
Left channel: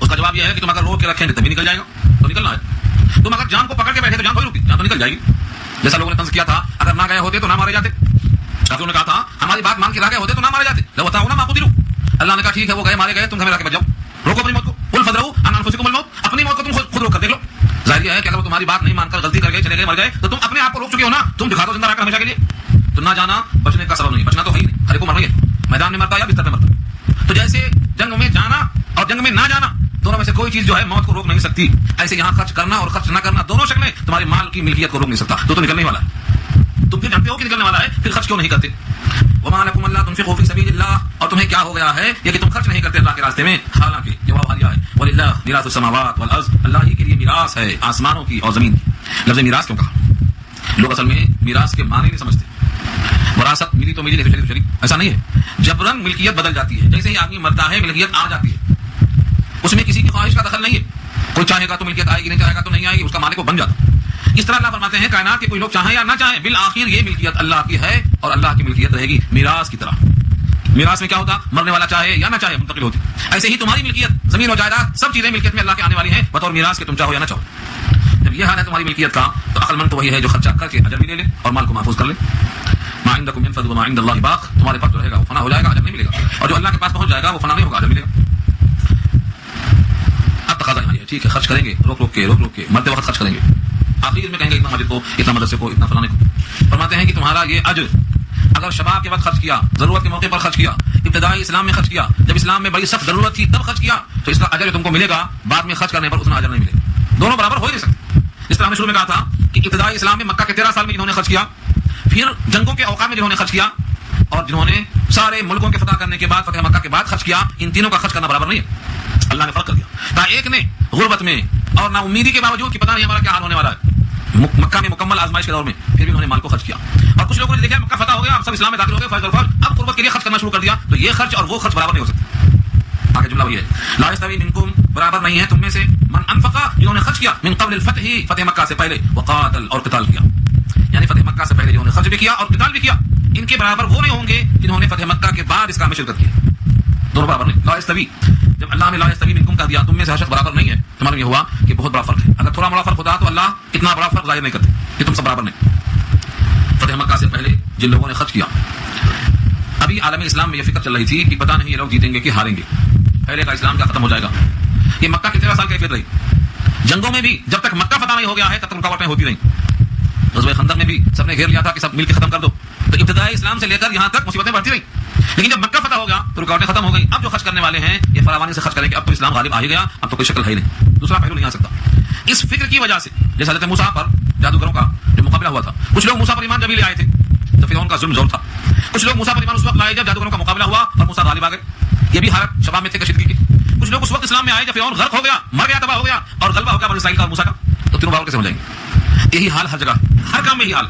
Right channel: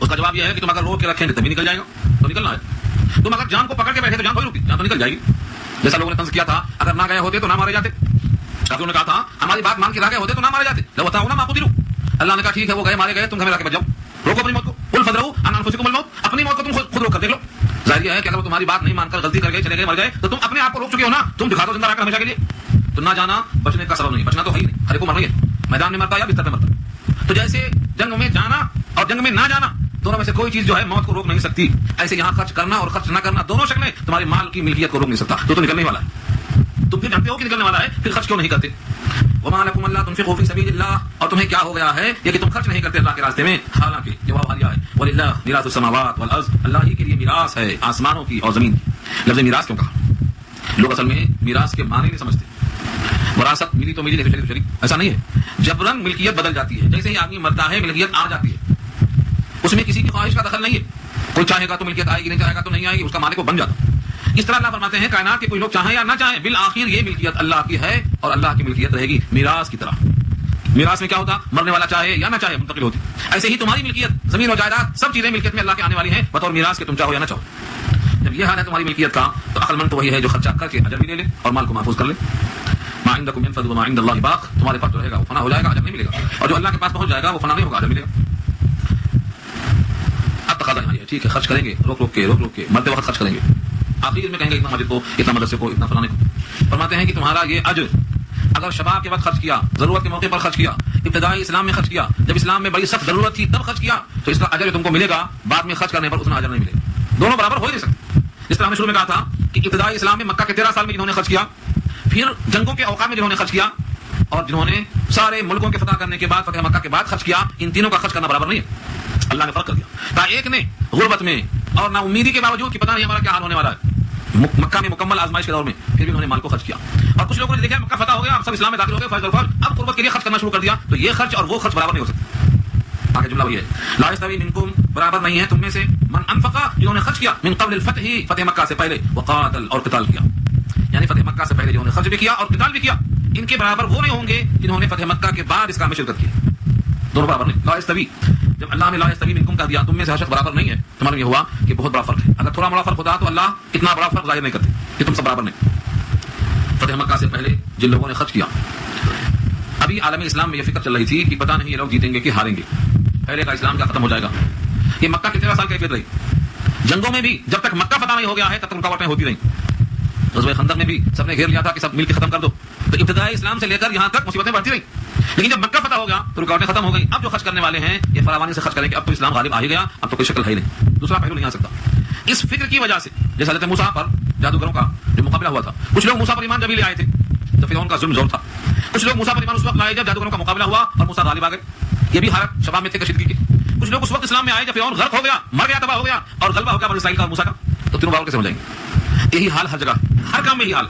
اس کا جواب یہ ہے کہ تم اگر روک کے رکھیں گے تبھی نکل جائے گا. تو نکلنا ہے. تم اگر جان کو پکڑ کے بیٹھے تو جان کوئی رکی جان تو نکل جائے گی. جیسا لوگوں نے طنز کیا تھا, اگر نہ گئے ہوتے تو نہ مارے جاتے. کافروں نے کہا تھا ہماری بات مان کے نہ گئے ہوتے تو نہ مارے جاتے. لو تھا نہ قتلوا. اللہ نے کہا ٹھیک ہے وہ گئے مارے گئے, تم گھر میں جا کے بچ جاؤ. روکو اپنی موت کو. قل فادرؤوا عن انفسکم الموت, اپنی موت کو تم خود روک کر دیکھ لو. ظاہر یہ ہے کہ اگر وہ تمہاری بات نہیں مان کر غلطی کر گئے چلے گئے مر گئے تو تم اپنے آپ کو روک چکے ہو نا. تم دکھا دو زندہ رہ کر ہمیشہ کے لیے. تو نہ جانا بچنے کا سبب نہیں, بچنا تو ہے ہی نہیں. ہر کو مر گئے, میدان میں مرتا یا بستر میں مرتا. تو جیسے جنگ میں جانا اور جنگ میں نہ جانا دونوں میں سے کوئی چیز جو ہے موت کو روک نہیں سکتی, ایسے یہاں خرچ کرنا اور خرچ نہ کرنا دونوں شکلیں تمہارے مال کی ملکیت کو روک نہیں سکتا. تو نکلنے والا تم پھر جانتے ہو کہ نکلنے والا ہے, پھر خرچ کیوں نہیں کرتے؟ وما لكم الا تنفقوا في سبيل الله, اور تمہیں کیا ہو گیا ہے یہ کہ تم خرچ نہیں کرتے اللہ کے راستے میں, حالانکہ جواب آیا ہے وللہ میراث السماوات والارض, اللہ ہی کے لیے میراث ہے آسمانوں کی اور زمین کی. لفظ میراث کیوں کہا؟ لوگ اصل میں میراث کے معنی نہیں سمجھتے. وراثت ملی تو ملی, نہیں تو ایسا نہیں ہے. جبرن ملکیت بدل جاتی ہے, جیسے ہی آدمی مرتا ہے ملکیت آ جاتی ہے. اس میں کسی کی خواہش کا دخل نہیں ہے. کوئی چاہے گا تو ملکیت آئے گی, نہیں چاہے گا تو نہیں آئے گی, اس کا مالک وہ بن جاتا. اس طرح اللہ فرماتے ہیں کائنات کے کوئی لوگ چاہیں یا نہ چاہیں بالآخر یہ ملکیت اللہ کی ہے اور اللہ کی ملکیت رہے گی میراث کی طرح. میراث میں کیا ہوتا؟ مرنے والا چاہے یا نہ چاہے منتقل ہوتی. ایسے ہی تمہاری ملکیت زمین و جائیداد سب چیزیں ملکیت میں اللہ کے آنے والی ہیں بطور میراث کے, تم چاہو یا نہ چاہو. جب یہ حال ہے تمہاری ملکیت کا تو عقل مند تو وہی ہے جو خرچہ کر کے اجر بھی لے لے اور مال کو محفوظ کر لے. ما عندکم ينفد وما عند الله باق, تمہارے پاس جو رہے گا وہ فنا ہو جائے گا, اجر نہیں ملے گا, اور جو اللہ کے پاس پہنچ جائے گا وہ فنا نہیں ہوگا, اجر ملے گا. اب تقاضا ہے ٹھیک ہے خرچ کریں گے, روک کے مرتے وقت خرچ کریں گے. آخری میں کہیں گے اتنا مسجد کو, اتنا مدرسے کو, اتنا فلانے کو. فرماتے ہیں کہ تمہارا یہ اجر اگر شباب کے وقت خرچ کیا, ضرورت کے موقع پر خرچ کیا, ابتدائی اسلام میں خرچ کیا, جب اسلام میں بڑی سخت ضرورت تھی تب خرچ کیا, تو اس کا اجر تم کو ملے گا. بعد میں خرچ کرنے پر اتنا اجر نہیں ملے گا. دونوں برابر ہو نہیں سکتے. اس طرح میں شروع میں کہا تھا کہ ابتدائی اسلام میں مکہ کے 13 سال میں جنہوں نے خرچ کیا, پھر جنگوں کے اوقات میں جنہوں نے خرچ کیا, اور جنہوں نے سارے ملکوں کے فتح کرنے کے بعد فتح مکہ کے بعد خرچ کیا, ان تینوں کا خرچ کرنا برابر نہیں ہے. اللہ نے فرق کر دیا. ایک نے غربت میں اور نا امیدی کے باوجود کہ پتہ نہیں ہمارا کیا حال ہونے والا ہے, مکہ میں مکمل آزمائش کے دور میں پھر بھی انہوں نے مال کو خرچ کیا. اور کچھ لوگوں نے دیکھا مکہ فتح ہو گیا, سب اسلام میں داخل ہو گئے, فرض الفرض اب قربت کے لیے خرچ کرنا شروع کر دیا, تو یہ خرچ اور وہ خرچ برابر نہیں ہو سکتے. آگے جملہ یہ ہے لا یستوی منکم, برابر نہیں ہے تم میں سے, من انفق, جنہوں نے خرچ کیا, من قبل الفتح, فتح مکہ سے پہلے, وقاتل, اور قتال کیا, یعنی فتح مکہ سے پہلے جنہوں نے خرچ بھی کیا اور قتال بھی کیا, ان کے برابر وہ نہیں ہوں گے جنہوں نے فتح مکہ کے بعد اس کام میں شرکت کیا. دونوں برابر نہیں. لا یستوی, جب اللہ نے لا یستوی منکم کر دیا, تم میں سے ہر شخص برابر نہیں ہے, تمہارا یہ ہوا کہ بہت بڑا فرق ہے. اگر تھوڑا بڑا فرق ہوتا تو اللہ اتنا بڑا فرق ظاہر نہیں کرتا کہ تم سب برابر نہیں. فتح مکہ سے پہلے جن لوگوں نے خرچ کیا, ابھی عالم اسلام میں یہ فکر چل رہی تھی کہ پتہ نہیں یہ لوگ جیتیں گے کہ ہاریں گے, پہلے کا اسلام کا ختم ہو جائے گا. یہ مکہ کے 13 سال کیفیت رہی. جنگوں میں بھی جب تک مکہ فتح نہیں ہو گیا ہے تب تک رکاوٹیں ہوتی رہیں. غزوہ خندق میں بھی سب نے گھیر لیا تھا کہ سب مل کے ختم کر دو, تو ابتدائی اسلام سے لے کر یہاں تک مصیبتیں بڑھتی رہیں. لیکن جب مکہ فتح ہوگا تو رکاوٹیں ختم ہو گئی. اب جو خرچ کرنے والے ہیں یہ فراوانی سے خرچ کریں گے, اب تو اسلام غالب آ ہی گیا, اب تو کوئی شکل ہے ہی نہیں, دوسرا پہلو نہیں آ سکتا. اس فکر کی وجہ سے جیسے حضرت موسیٰ پر جادوگروں کا جو مقابلہ ہوا تھا, کچھ لوگ موسیٰ پر ایمان جب لے آئے تھے تو فرعون کا ظلم زور تھا, کچھ لوگ موسیٰ پر ایمان اس وقت لائے جب جادوگروں کا مقابلہ ہوا اور موسیٰ غالب آ گئے. یہ بھی حالت شباب میں تھے کشیدگی کی. کچھ لوگ اس وقت اسلام میں آئے جب فرعون غرق ہو گیا, مر گیا, تباہ ہو گیا, اور غلبہ ہو گیا بنی اسرائیل کا موسیٰ کا. تو تینوں بابر کیسے ہو جائیں گے؟ یہی حال ہر جگہ, ہر کام میں یہی حال.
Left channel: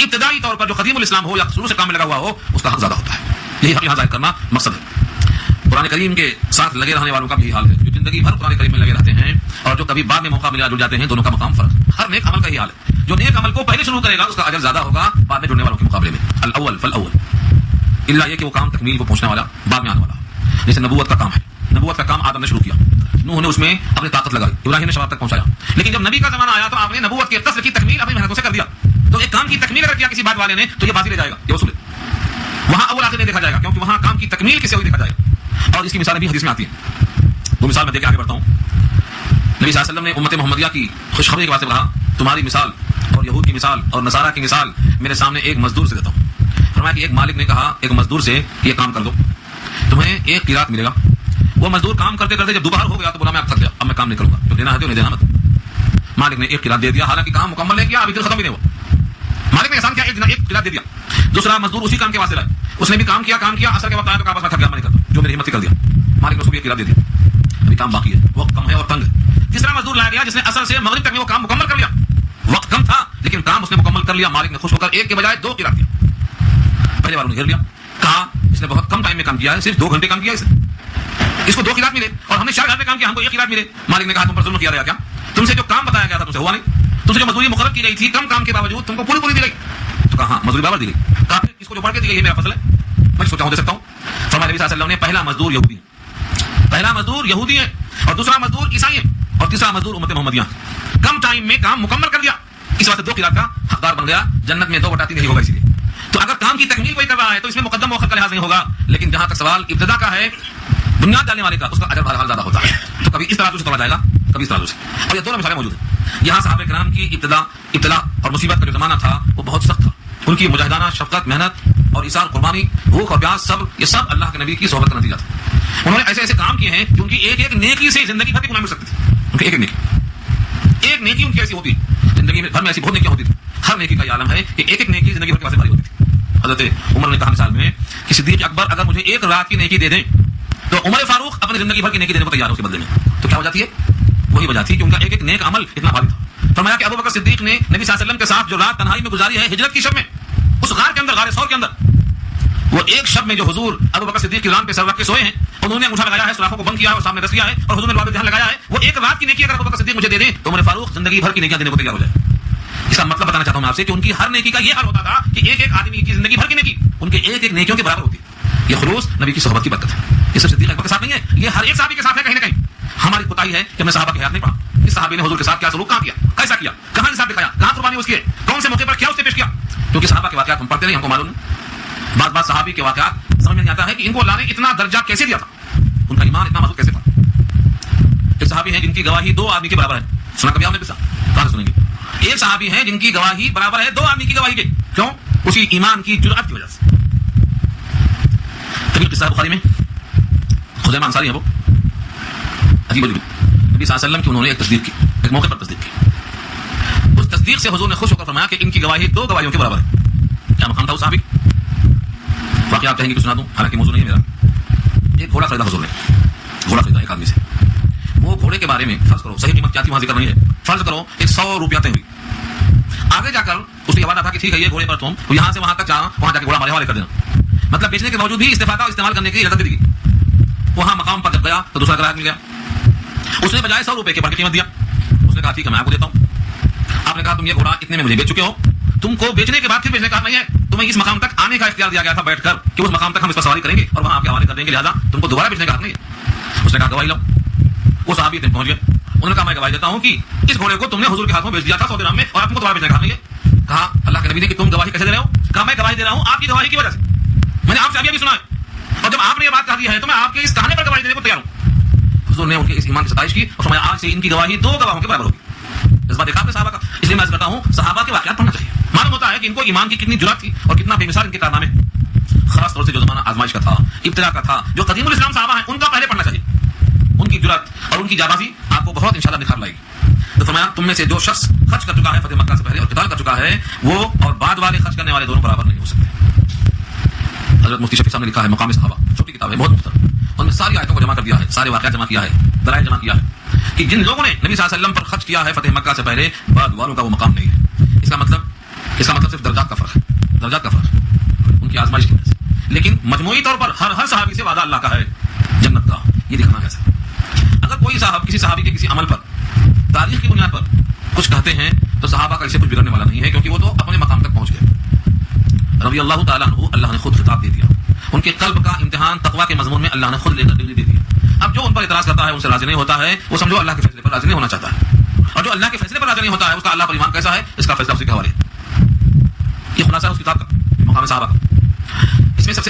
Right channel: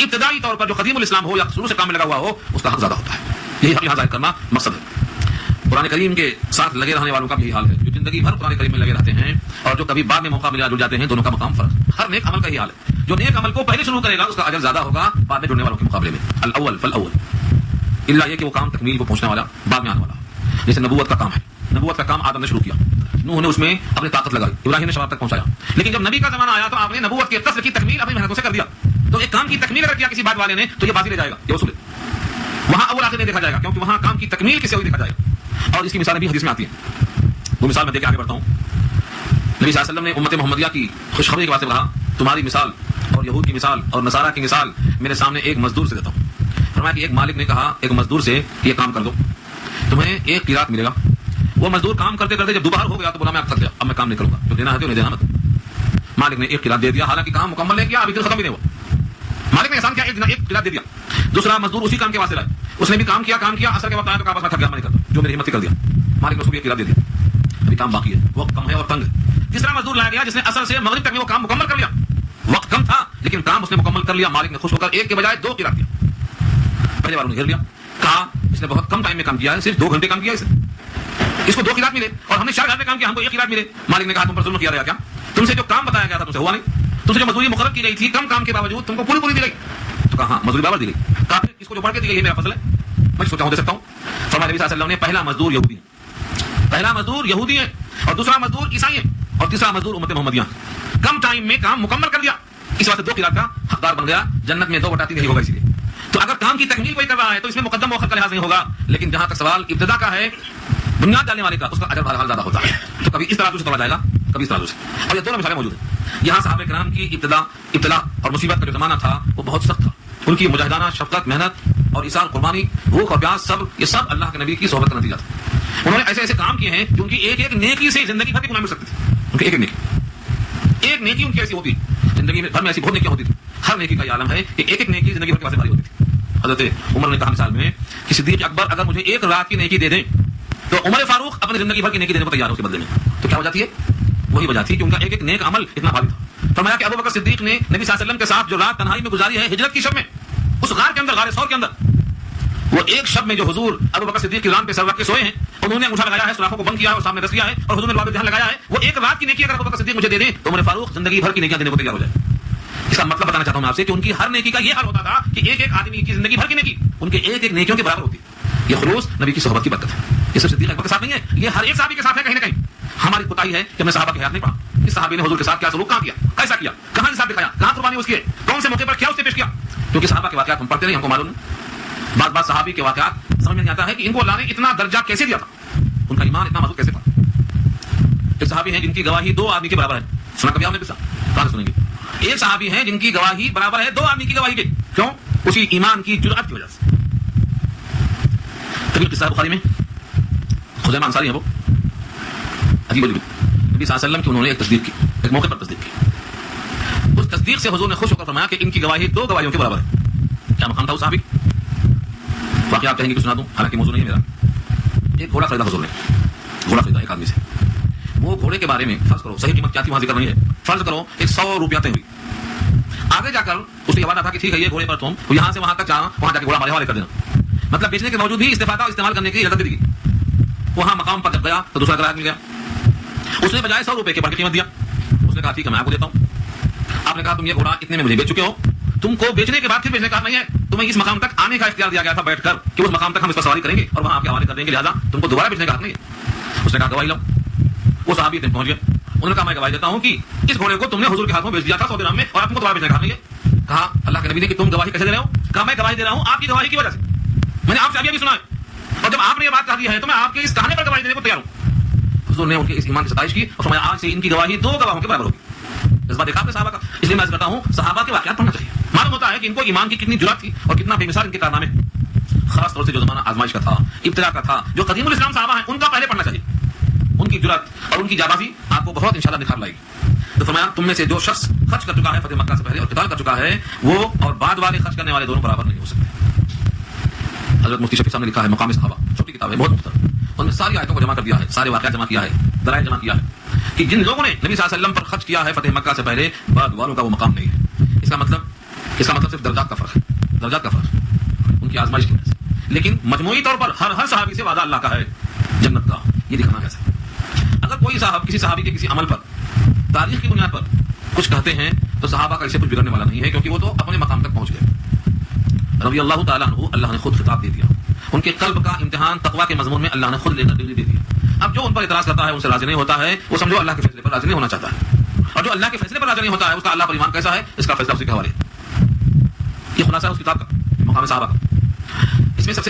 ابتدائی طور پر جو قدیم الاسلام ہو یا شروع سے کام میں لگا ہوا ہو, اس کا حق زیادہ ہوتا ہے. یہی یہاں ظاہر کرنا مقصد ہے. قرآن کریم کے ساتھ لگے رہنے والوں کا بھی حال ہے, جو زندگی بھر قرآن کریم میں لگے رہتے ہیں, اور جو کبھی بعد میں موقع ملا جڑ جاتے ہیں, دونوں کا مقام فرق. ہر نیک عمل کا یہ حال ہے. جو نیک عمل کو پہلے شروع کرے گا اس کا اجر زیادہ ہوگا بعد میں جڑنے والوں کے مقابلے میں. الاول فالاول, الا یہ کہ وہ کام تکمیل کو پہنچنے والا بعد میں آنے والا. جیسے نبوت کا کام ہے, نبوت کا کام آدم نے شروع کیا, نوح نے اس میں اپنی طاقت لگائی, ابراہیم نے شباب تک پہنچایا. لیکن جب نبی کا زمانہ آیا تو آپ نے نبوت کی قصر کی تکمیل اپنی محنتوں سے کر دیا. تو ایک کام کی تکمیل اگر کیا کسی بات والے نے تو یہ باقی رہ جائے گا, یہ اصول ہے. وہاں اول آخر نہیں دیکھا جائے گا، کیونکہ وہاں کام کی تکمیل کسے ہوئی دیکھا جائے گا. اور اس کی مثالیں بھی حدیث میں آتی ہیں. وہ مثال میں دے کے آگے بڑھتا ہوں. نبی صلی اللہ علیہ وسلم نے امت محمدیہ کی خوشخبری کے واسطے کہا تمہاری مثال اور یہود کی مثال اور نصارہ کی مثال میرے سامنے ایک مزدور سے دیتا ہوں. فرمایا کہ ایک مالک نے کہا ایک مزدور سے یہ کام کر دو، تمہیں ایک قیراط ملے گا. وہ مزدور کام کرتے کرتے جب دوبارہ ہو گیا تو بولا میں اب تھک گیا، اب میں کام نہیں کروں گا، تو دینا ہے تو نہیں دینا مت. مالک نے ایک قیراط دے دیا، حالانکہ کام مکمل ہے کیا، ابھی تو ختم ہی نہیں ہوا. مالک نے احسان کیا، ایک قیراط دے دیا. دوسرا مزدور اسی کام کے واسطے لائے، اس نے بھی کام کیا اثر کے وقت آیا تو کہا بس میں تھک گیا، میں نہیں کرتا، جو میری ہمت سے کر دیا. مالک نے اس کو بھی ایک قیراط دے دیا، ابھی کام باقی ہے، وقت کم ہے اور تنگ ہے. تیسرا مزدور لایا گیا جس نے اثر سے مغرب تک میں وہ کام مکمل کر لیا، وقت کم تھا لیکن کام اس نے مکمل کر لیا. مالک نے خوش ہو کر ایک کے بجائے 2 قیراط دیا. پہلے والوں نے گھر لیا، کہا اس نے بہت کم ٹائم میں کام کیا ہے، صرف 2 گھنٹے کام کیا اس کو 2 قیراط ملے، اور ہم نے 4 گھنٹے کام کیا، ہم کو 1 قیراط ملے. مالک نے کہا تم پر ظلم کیا گیا کیا، تم سے جو کام بتایا گیا تھا تم سے ہوا نہیں، تم سے جو مزدوری مقرر کی گئی تھی کم کام کے باوجود تم کو پوری دی گئی. تو کہا ہاں مزدوری برابر دی گئی. کہا اس کو جو بڑھ کے دی گئی یہ میرا فضل ہے، میں سوچا ہوں دے سکتا ہوں. فرمایا نبی صلی اللہ علیہ وسلم نے پہلا مزدور یہودی ہے اور دوسرا مزدور عیسائی ہے اور تیسرا مزدور امت محمدیہ. کم ٹائم میں کام مکمل کر دیا، اس وقت 2 قیراط کا حقدار بن گیا. جنت میں 2/3 نہیں ہوگا. اسی لیے تو اگر کام کی تکمیل کوئی کر رہا ہے تو اس میں مقدم موقع کا لحاظ نہیں ہوگا، لیکن جہاں تک سوال ابتدا کا ہے بنیاد ڈالنے والے کا، اس کا اجر بہرحال زیادہ ہوتا ہے. کبھی اس طرح سے کہا جائے گا، کبھی اس طرح سے. اور یہ دونوں مثالیں موجود ہیں. یہاں صحابہ کرام کی ابتلا اور مصیبت کا جو زمانہ تھا وہ بہت سخت تھا. ان کی مجاہدانہ شفقت، محنت اور ایثار، قربانی، بھوک اور پیاس، صبر، یہ سب اللہ کے نبی کی صحبت کا نتیجہ تھا. انہوں نے ایسے ایسے کام کیے ہیں کہ ان کی ایک نیکی سے زندگی بھر کی کمائی مل سکتی تھی. ان کی ایک نیکی ان کی ایسی ہوتی ہے، زندگی میں گھر میں ایسی بہت نیکیاں ہوتی تھی. ہر نیکی کا یہ عالم ہے کہ ایک نیکی زندگی بھر کے واسطے بھری ہوتی تھی. حضرت عمر نے کہا مثال میں کہ صدیق اکبر اگر مجھے 1 رات کی نیکی دے دیں تو عمر فاروق اپنی زندگی بھر کی نیکی دینے کو تیار ہو اس کے بدلے میں. تو کیا ہو جاتی ہے؟ وہی وجہ تھی کہ ان کا ایک نیک عمل اتنا بھاری تھا. فرمایا کہ ابو بکر صدیق نے نبی صلی اللہ علیہ وسلم کے ساتھ جو رات تنہائی میں گزاری ہے ہجرت کی شب میں، اس غار کے اندر، غار ثور کے اندر، وہ ایک شب میں جو حضور ابو بکر صدیق کی رات پہ سر رکھ کے سوئے ہیں، انہوں نے انگوٹھا لگایا ہے، سلاخوں کو بند کیا ہے اور سامنے رکھ دیا ہے اور حضور نے وہاں پہ دھیان لگایا ہے. وہ ایک رات کی نیکی اگر ابو بکر صدیق مجھے دے دیں تو عمر فاروق زندگی بھر کی نیکیاں دینے کو تیار ہو جائے. اس کا مطلب بتانا چاہتا ہوں میں آپ سے کہ ان کی ہر نیکی کا یہ حال ہوتا تھا کہ ایک آدمی کی زندگی بھر کی نیکی ان کے ایک نیکیوں کے برابر ہوتی. یہ خلوص نبی کی صحبت کی برکت ہے. یہ صرف صدیق اکبر کے ساتھ نہیں ہے، یہ ہر ایک صحابی کے ساتھ ہے. کہیں نہ کہیں ہماری کوتاہی ہے کہ ہم نے صحابہ کی حیات نہیں پڑھا. اس صحابی نے حضور کے ساتھ کیا سلوک کیا، کیسا کیا، کہاں کے ساتھ دکھایا، کہاں قربانی اس کی ہے، کون سے موقع پر کیا اس نے پیش کیا. کیونکہ صحابہ کے واقعات ہم پڑھتے نہیں، ہم کو معلوم نہیں. بعض صحابی کے واقعات سمجھ میں نہیں آتا ہے کہ ان کو اللہ نے اتنا درجہ کیسے دیا تھا، ان کا ایمان اتنا مضبوط کیسے تھا. ایک صحابی ہیں جن کی گواہی 2 آدمی کے برابر ہے. سنا کبھی آپ نے قصہ؟ سنیں گے. ایک صحابی ہیں جن کی گواہی برابر ہے 2 آدمی کی گواہی کے. کیوں؟ اسی ایمان کی جرأت کی وجہ سے. طریق قصہ بخاری میں خزیمہ انصاری ہے، وہ عجیب و غریب نبی صلی اللہ علیہ وسلم کی انہوں نے ایک تصدیق کی، ایک موقع پر تصدیق کی. اس تصدیق سے حضور نے خوش ہو کر فرمایا کہ ان کی گواہی 2 گواہیوں کے برابر ہے. کیا مقام تھا اس صحابی؟ باقی آپ کہیں گے تو سنا دوں، حالانکہ موضوع نہیں ہے میرا. ایک گھوڑا خریدا حضور نے، گھوڑا خریدا ایک آدمی سے. وہ گھوڑے کے بارے میں فرض کرو، صحیح قیمت کیا تھی وہاں ذکر نہیں ہے، فرض کرو 100 روپیہ طے ہوئی. آگے جا کر اس نے حوالہ تھا کہ ٹھیک ہے یہ گھوڑے پر تم یہاں سے وہاں تک جانا، وہاں جا کے گھوڑا ہمارے حوالے کر دینا. مطلب بیچنے کے باوجود بھی استفادہ استعمال کرنے کی اجازت دی گئی. وہاں مقام پر جب گیا تو دوسرا گراہک مل گیا. اس نے بجائے 100 روپے کے پر قیمت دیا. اس نے کہا ٹھیک ہے میں آپ کو دیتا ہوں. آپ نے کہا تم یہ گھوڑا اتنے میں مجھے بیچ چکے ہو، تم کو بیچنے کے بعد پھر بیچنے کا نہیں ہے، تمہیں اس مقام تک آنے کا اختیار دیا گیا تھا بیٹھ کر کہ اس مقام تک ہم اس پر سواری کریں گے اور وہاں آپ کے حوالے کر دیں گے، لہٰذا تم کو دوبارہ بیچنے کا نہیں ہے. اس نے کہا گواہی لو. وہ صحابی پہنچ گیا. انہوں نے کہا میں گواہی دیتا ہوں کہ اس گھوڑے کو تم نے حضور کے ہاتھ میں بیچ دیا تھا 100 درہم میں اور آپ کو دوبارہ بیچنے کا نہیں ہے. کہا اللہ کے نبی نے کہ تم گواہی کیسے دے رہے ہو؟ کہا میں گواہی دے رہا ہوں آپ کی گواہی کی وجہ سے. میں نے آپ سے ابھی بھی سنا ہے اور جب آپ نے یہ بات کر دی ہے تو میں آپ کے اس کہنے پر گواہی دینے کو تیار ہوں. حضور نے ان کے اس ایمان کی ستائش کی اور میں آج سے ان کی گواہی 2 گواہوں کے برابر ہوگی. اس بات دیکھا صحابہ کا. اس لیے میں کرتا ہوں صحابہ کے واقعات پڑھنا چاہیے. معلوم ہوتا ہے کہ ان کو ایمان کی کتنی جرأت تھی اور کتنا بے مثال ان کے کارنامے. خاص طور سے جو زمانہ آزمائش کا تھا، ابتلا کا تھا، جو قدیم الاسلام صحابہ ہیں ان کا پہلے پڑھنا چاہیے. ان کی جرأت اور ان کی جانبازی آپ کو بہت انشاءاللہ نکھار لائے گی. تو فرمایا تم میں سے جو شخص خرچ کر چکا ہے فتح مکہ سے پہلے اور قتال کر چکا ہے وہ اور بعد والے خرچ کرنے والے دونوں برابر نہیں ہو سکتے. حضرت مفتی شفیع صاحب نے لکھا ہے مقام صحابہ، چھوٹی کتاب ہے بہت مختصر. ان میں ساری آیتوں کو جمع کر دیا ہے، سارے واقعات جمع کیا ہے، ذرائع جمع کیا ہے کہ جن لوگوں نے نبی صلی اللہ علیہ وسلم پر خرچ کیا ہے فتح مکہ سے پہلے بعد والوں کا وہ مقام نہیں ہے. اس کا مطلب صرف درجات کا فرق ہے، درجات کا فرق ہے ان کی آزمائش کی وجہ سے. لیکن مجموعی طور پر ہر صحابی سے وعدہ اللہ کا ہے جنت کا. یہ دیکھنا ہے سر. اگر کوئی صاحب کسی صحابی کے کسی عمل پر تاریخ کی بنیاد پر کچھ کہتے ہیں تو صحابہ کا اسے کچھ بگڑنے والا نہیں ہے، کیونکہ وہ تو اپنے مقام تک پہنچ گئے. رضی اللہ تعالیٰ عنہ اللہ نے خود خطاب دے دیا. ان کے قلب کا امتحان تقویٰ کے مضمون میں اللہ نے خود لے کر ڈگری دے دی. اب جو ان پر اعتراض کرتا ہے ان سے راضی نہیں ہوتا ہے وہ سمجھو اللہ کے فیصلے پر راضی نہیں ہونا چاہتا ہے، اور جو اللہ کے فیصلے پر راضی نہیں ہوتا ہے اس کا اللہ پر ایمان کیسا ہے اس کا فیصلہ اسی کے حوالے. یہ خلاصہ اس کتاب کا مقام صحابہ. اس میں سب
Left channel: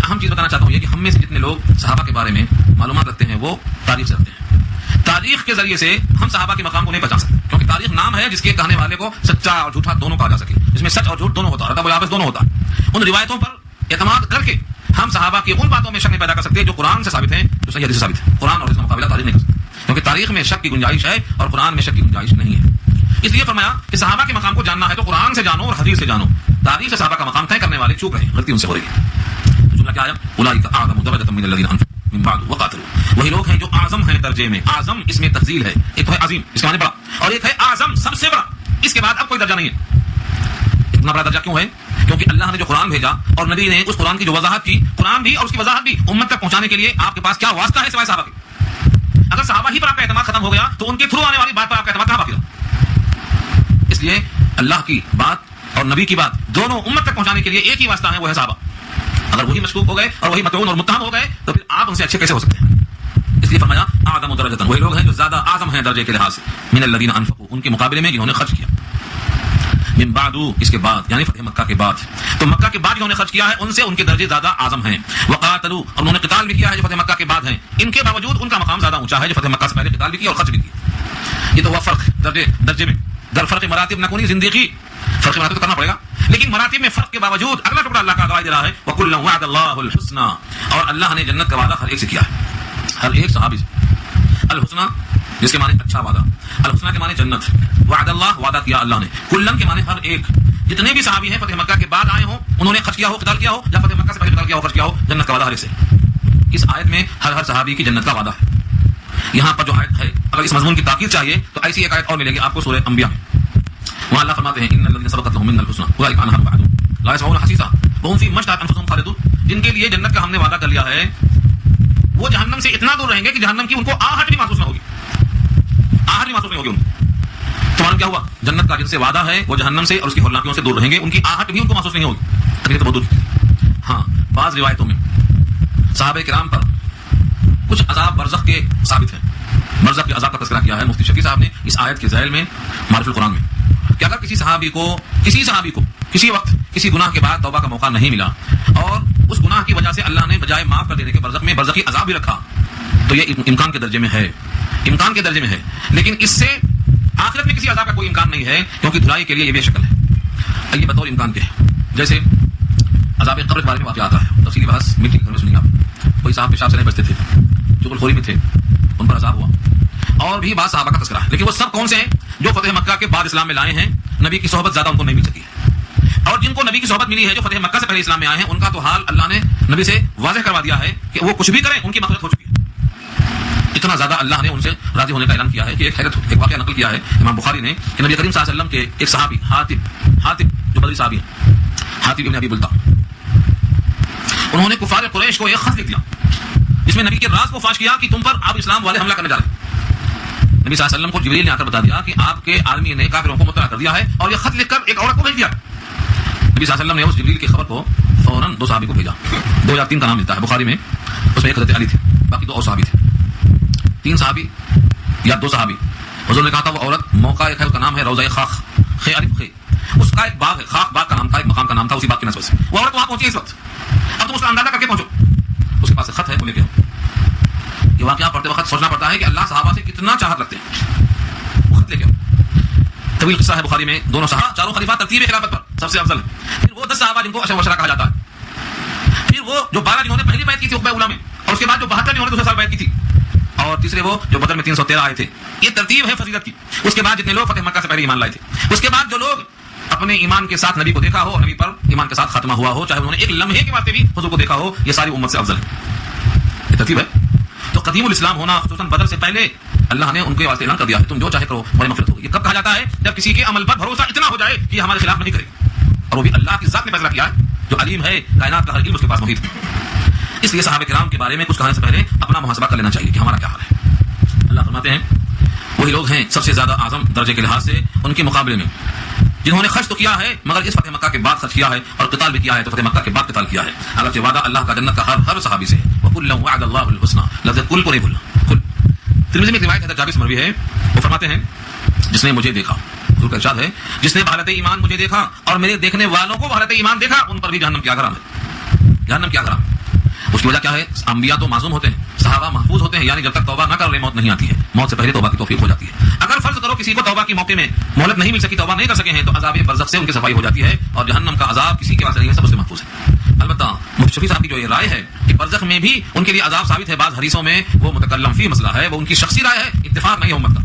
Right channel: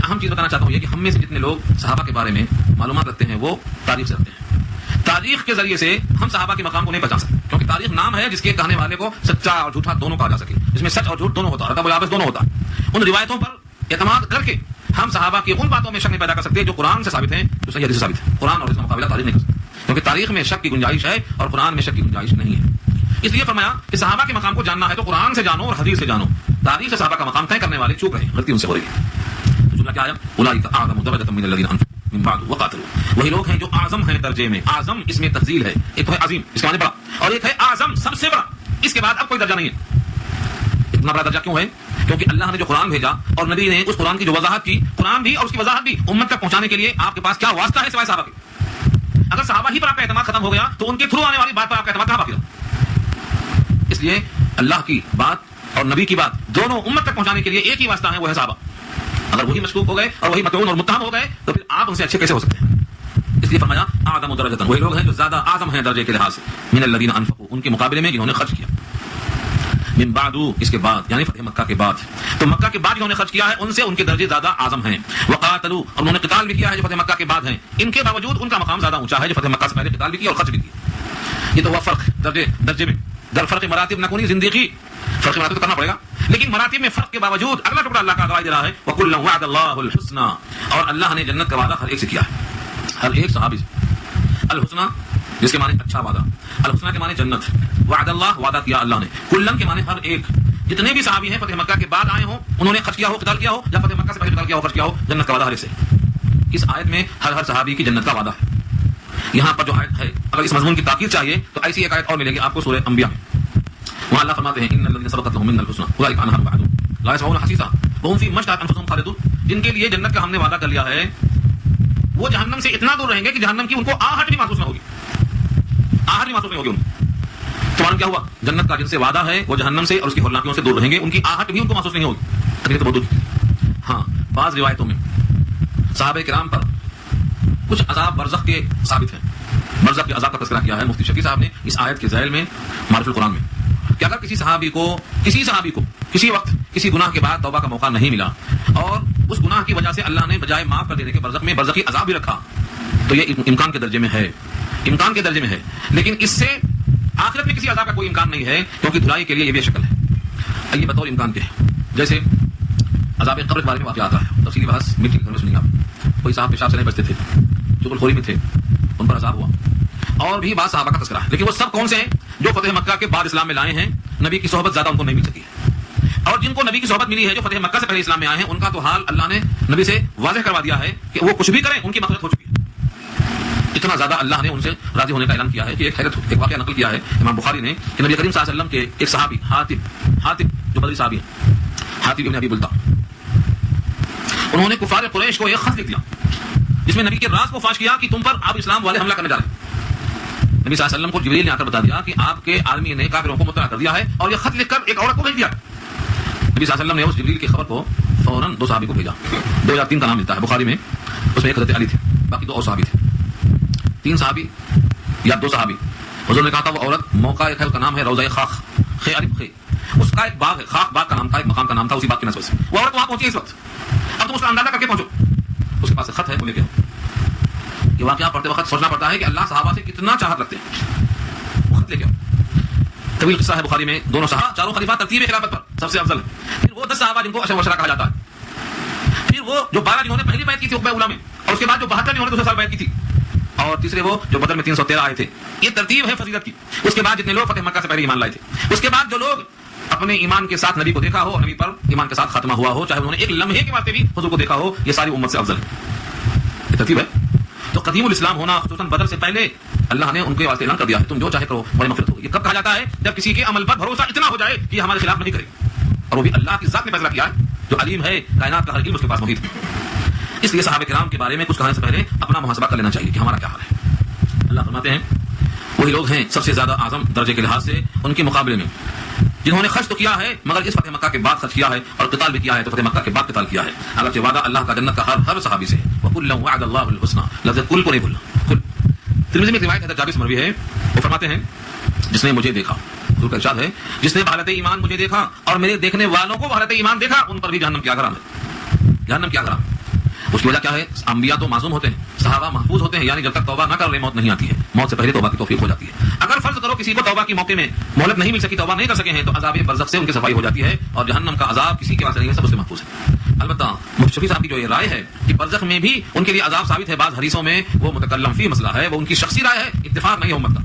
رکھتے ہیں وہ تاریخ سے رکھتے ہیں. تاریخ کے ذریعے سے ہم صحابہ کے مقام کو نہیں پہچان سکتے, کیونکہ تاریخ نام ہے جس کے کہنے والے کو سچا اور جھوٹا دونوں کہا جا سکے, جس میں سچ اور جھوٹ دونوں ہوتا ہے, ادب و یابس دونوں ہوتا ہے. ان روایتوں پر اعتماد کر کے ہم صحابہ کی ان باتوں میں شک نہیں پیدا کر سکتے جو قرآن سے ثابت ہیں, جو صحیح حدیث سے ثابت ہے. قرآن اور اس کا مقابلہ تاریخ نہیں کر سکتے, کیونکہ تاریخ میں شک کی گنجائش ہے اور قرآن میں شک کی گنجائش نہیں ہے. اس لیے فرمایا کہ صحابہ کے مقام کو جاننا ہے تو قرآن سے جانو اور حدیث سے جانو. تاریخ سے صحابہ کا مقام طے کرنے والے چوپ رہے, غلطی ان سے ہو رہی ہے. جملہ کیا آیا؟ اولئک اعظم درجۃ من الذین انفقوا من بعد وقاتلوا. وہی لوگ ہیں جو اعظم ہیں درجے میں. اعظم اس میں تفضیل ہے, ایک ہے عظیم اس معنی بڑا, اور ایک ہے اعظم سب سے بڑا. اس کے بعد اب کوئی درجہ نہیں ہے. اتنا بڑا درجہ کیوں ہے؟ کیونکہ اللہ نے جو قرآن بھیجا اور نبی نے اس قرآن کی جو وضاحت کی, قرآن بھی اور اس کی وضاحت بھی امت تک پہنچانے کے لیے آپ کے پاس کیا واسطہ ہے سوائے صحابہ کے؟ اگر صحابہ ہی پر آپ کا اعتماد ختم ہو گیا تو ان کے تھرو آنے والی بات پر آپ کا اعتماد کہاں باقی رہا؟ اس لیے اللہ کی بات اور نبی کی بات دونوں امت تک پہنچانے کے لیے ایک ہی واسطہ ہے, وہ ہے صحابہ. اگر وہی مشکوک ہو گئے اور وہی مطعون اور متهم ہو گئے تو پھر آپ ان سے اچھے کیسے ہو سکتے ہیں؟ اس لیے فرمایا اعظم درجۃ, وہی لوگ ہیں جو زیادہ اعظم ہیں درجے کے لحاظ سے, من الذین انفقوا, ان کے مقابلے میں جنہوں نے خرچ کیا. من بعد, اس کے بعد یعنی فتح مکہ کے بعد, تو مکہ کے بعد جنہوں نے خرچ کیا ہے ان سے ان کے درجے زیادہ اعظم ہیں. وقاتلوا, اور انہوں نے قتال بھی کیا ہے جو فتح مکہ کے بعد ہیں, ان کے باوجود ان کا مقام زیادہ اونچا ہے جو فتح مکہ سے پہلے قتال بھی کیا اور خرچ بھی کیا. یہ تو وہ فرق درجے میں در فرق مراتب نہ کوئی زندگی فرق مراتب کرنا پڑے گا, لیکن مراتب میں فرق کے باوجود اگلا ٹکڑا اللہ کا دے رہا ہے وَكُلًّا وَعَدَ اللَّهُ الْحُسْنَى, اور اللہ نے جنت کا وعدہ ہر ایک سے کیا ہے, ہر ایک صحابی سے. الحسنى جس کے معنی اچھا وعدہ, الحسنى کے معنی جنت, وعد اللہ وعدہ کیا اللہ نے, کلن کے معنی ہر ایک. جتنے بھی صحابی ہیں فتح مکہ کے بعد آئے ہوں, انہوں نے خرچ کیا ہو, قتال کیا ہو, یا فتح مکہ سے پہلے قتال کیا ہو, خرچ کیا ہو, جنت کا وعدہ ہر ایک سے. اس آیت میں ہر صحابی کی جنت کا وعدہ ہے. یہاں پر جو آیت ہے اگر اس مضمون کی تاکید چاہیے تو ایسی ایک آیت اور ملے گی آپ کو سورہ انبیاء میں. وہ اللہ فرماتے ہیں ان الذین سبقت لهم منا الحسنى اولئک عنها مبعدون لا يسمعون حسیسا وهم فی ما اشتهت انفسهم خالدون. جن کے لیے جنت کا ہم نے وعدہ کر لیا ہے وہ جہنم سے اتنا دور رہیں گے کہ جہنم کی ان کو آہٹ بھی محسوس نہ ہوگی, آہٹ بھی محسوس نہیں ہوگی ان کو. تو کیا ہوا؟ جنت کا جن سے وعدہ ہے وہ جہنم سے اور اس کی ہولناکیوں سے دور رہیں گے, ان کی آہٹ بھی ان کو محسوس نہیں ہوگی. ہاں, بعض روایتوں میں صحابہ کرام پر کچھ عذاب برزخ کے ثابت ہیں. برزخ کے عذاب کا تذکرہ کیا ہے مفتی شفیع صاحب نے اس آیت کے ذیل میں معرفت القرآن میں, کہ اگر کسی صحابی کو کسی وقت کسی گناہ کے بعد توبہ کا موقع نہیں ملا اور اس گناہ کی وجہ سے اللہ نے بجائے معاف کر دینے کے برزخ میں برزخی عذاب بھی رکھا تو یہ امکان کے درجے میں ہے, امکان کے درجے میں ہے. لیکن اس سے آخرت میں کسی عذاب کا کوئی امکان نہیں ہے, کیونکہ دھلائی کے لیے یہ بے شکل ہے. یہ بطور امکان کے ہے. جیسے عذاب قبر کے بارے میں واقعہ آتا ہے, تفصیلی بات مٹی میں سنی آپ. کوئی صاحب پیشاب سے نہیں بچتے تھے, چغلخوری میں تھے, ان پر عذاب ہوا, اور بھی بعض صحابہ کا تذکرہ ہے. لیکن وہ سب کون سے ہیں؟ جو فتح مکہ کے بعد اسلام میں لائے ہیں, نبی کی صحبت زیادہ ان کو نہیں مل سکی, اور جن کو نبی کی صحبت ملی ہے جو فتح مکہ سے پہلے اسلام میں آئے ہیں, ان کا تو حال اللہ نے نبی سے واضح کروا دیا ہے کہ وہ کچھ بھی کریں ان کی مغفرت ہو چکی ہے. اتنا زیادہ اللہ نے ان سے راضی ہونے کا اعلان کیا ہے کہ ایک واقعہ نقل کیا ہے امام بخاری نے کہ نبی کریم صلی اللہ علیہ وسلم کے ایک صحابی حاتب جو بدری صحابی ہیں, حاتب ابن ابی بلتہ, انہوں نے کفار قریش کو ایک خط لکھ دیا جس میں نبی کے راز کو فاش کیا کہ تم پر آپ اسلام والے حملہ کرنے جا رہے ہیں. نبی صلی اللہ علیہ وسلم کو جبریل نے آ کر بتا دیا کہ آپ کے آدمی نے کافروں کو مطلع کر دیا ہے, اور یہ خط لکھ کر ایک عورت کو بھیج دیا. نبی صلی اللہ علیہ وسلم نے اس جبریل کی خبر کو فوراً 2 صحابی کو بھیجا. 2 یا 3 کا نام دیتا ہے بخاری میں, اس میں ایک حضرت علی تھے, باقی 2 اور صحابی تھے. 3 صحابی یا 2 صحابی. حضور نے کہا تھا وہ عورت موقع ایک ہے, اس کا نام ہے روضہ خاخ, خے الف خے, اس کا ایک باغ ہے, خاخ باغ کا نام تھا, ایک مقام کا نام تھا, اسی باغ کی نسبت سے وہ عورت وہاں پہنچی. اس وقت اب تم اس کا اندازہ کر کے پہنچو, اس کے پاس خط ہے, وہ لے کے یہ واقعہ پڑھتے وقت سوچنا پڑتا ہے کہ اللہ صحابہ سے کتنا چاہت رکھتے ہیں. خط لے کے طویل قصہ ہے بخاری میں, دونوں صحابہ, چاروں خلیفہ ترتیب خلافت پر سب سے افضل, پھر وہ 10 صحابہ جن کو اشر کہا جاتا ہے, پھر وہ جو 12 جنہوں نے پہلی بیعت کی تھی عقبہ اولا میں, اور اس کے بعد جو 72 جنہوں نے دوسرے سال بیعت کی تھی, اور تیسرے وہ جو بدر میں 313 آئے تھے. یہ ترتیب ہے فضیلت کی. اس کے بعد جتنے لوگ فتح مکہ سے پہلے ایمان لائے تھے, اس کے بعد جو لوگ اپنے ایمان کے ساتھ نبی کو دیکھا ہو, نبی پر ایمان کے ساتھ خاتمہ ہوا ہو, چاہے انہوں نے ایک لمحے کے واسطے بھی حضور کو دیکھا ہو, یہ ساری امت سے افضل ہے. یہ ترتیب ہے. تو قدیم الاسلام ہونا خصوصاً بدر سے پہلے اللہ نے ان کے واسطے اعلان کر دیا ہے تم جو چاہے کرو بڑی مغفرت ہوگی. یہ کب کہا جاتا ہے؟ جب کسی کے عمل پر بھروسہ اتنا ہو جائے کہ ہمارے خلاف نہیں کرے, اور وہ بھی اللہ کی ذات نے فیصلہ کیا جو علیم ہے, کائنات کا ہر علم اس کے پاس موجود ہے. اس لیے صحابہ کرام کے بارے میں کچھ کہنے سے پہلے اپنا محاسبہ کر لینا چاہیے کہ ہمارا کیا حال ہے. اللہ فرماتے ہیں وہی لوگ ہیں سب سے زیادہ اعظم درجے کے لحاظ سے ان کے مقابلے میں جنہوں نے خرچ تو کیا ہے مگر اس فتح مکہ کے بعد خرچ کیا ہے, اور قتال بھی کیا ہے تو فتح مکہ کے بعد قتال کیا ہے. اگرچہ وعدہ اللہ کا جنت کا ہر صحابی سے, وَكُلًّا وَعَدَ اللَّهُ الْحُسْنَى, لفظ کل کو نہیں بولنا. ترمذی میں روایت حضرت جابر سے مروی ہے, وہ فرماتے ہیں جس نے مجھے دیکھا, حضور کا ارشاد ہے جس نے بحالت ایمان مجھے دیکھا اور میرے دیکھنے والوں کو بحالت ایمان دیکھا, ان پر بھی جہنم کیا حرام ہے, جہنم کیا حرام. اس کی وجہ کیا ہے؟ انبیاء تو معصوم ہوتے ہیں, صحابہ محفوظ ہوتے ہیں، یعنی جب تک توبہ نہ کر لیں موت نہیں آتی ہے، موت سے پہلے توبہ کی توفیق ہو جاتی ہے۔ اگر فرض کرو کسی کو توبہ کے موقع میں مہلت نہیں مل سکی، توبہ نہیں کر سکے ہیں، تو عذاب برزخ سے ان کی صفائی ہو جاتی ہے، اور جہنم کا عذاب کسی کے پاس نہیں ہے، سب سے محفوظ ہے۔ البتہ شفیع صاحب کی جو یہ رائے ہے کہ برزخ میں بھی ان کے لیے عذاب ثابت ہے، بعض حدیثوں میں وہ متکلم فی مسئلہ ہے، وہ ان کی شخصی رائے ہے، اتفاق نہیں ہے امت کا،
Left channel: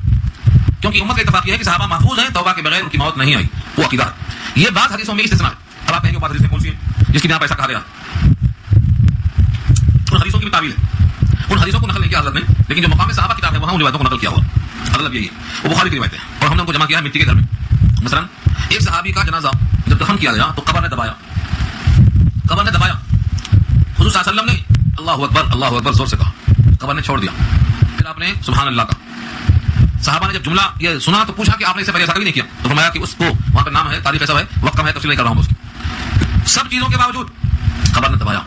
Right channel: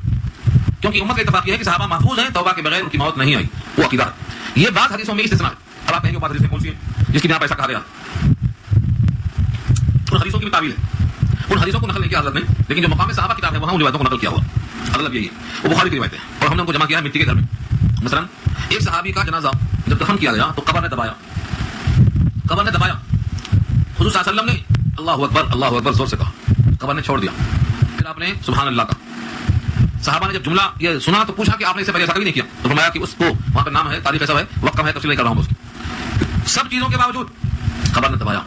کیونکہ امت کا اتفاق یہ ہے کہ صحابہ محفوظ ہیں، توبہ کے بغیر ان کی موت نہیں آئی، وہ عقیدہ ہے۔ یہ بعض حدیثوں میں استثناء ہے، اور آپ کہیں گے بعض حدیثیں کون سی ہیں جس کی بنا پر ایسا کہا گیا، ان حدیثوں کی بھی تعویل ہے، ان حدیثوں کو نقل نہیں کیا حضرت نے، لیکن جو مقام صحابہ کتاب ہے وہاں ان روایتوں کو نقل کیا ہوا، مطلب یہی ہے، وہ بخاری کی روایت ہے، اور ہم نے ان کو جمع کیا ہے مٹی کے گھر میں۔ مثلا ایک صحابی کا جنازہ جب دفن کیا گیا تو قبر نے دبایا، قبر نے دبایا، حضور صلی اللہ علیہ وسلم نے اللہ اکبر زور سے کہا، قبر نے چھوڑ دیا، پھر آپ نے سبحان اللہ کہا۔ صحابہ نے جب جملہ یہ سنا تو پوچھا کہ آپ نے اس سے پہلے ایسا کبھی نہیں کیا، تو فرمایا کہ اس کو وہاں پہ نام ہے، تاریخ ایسا ہے، وقت کم ہے، تفصیل نہیں کر رہا ہوں اس کی۔ سب چیزوں کے باوجود قبر نے دبایا،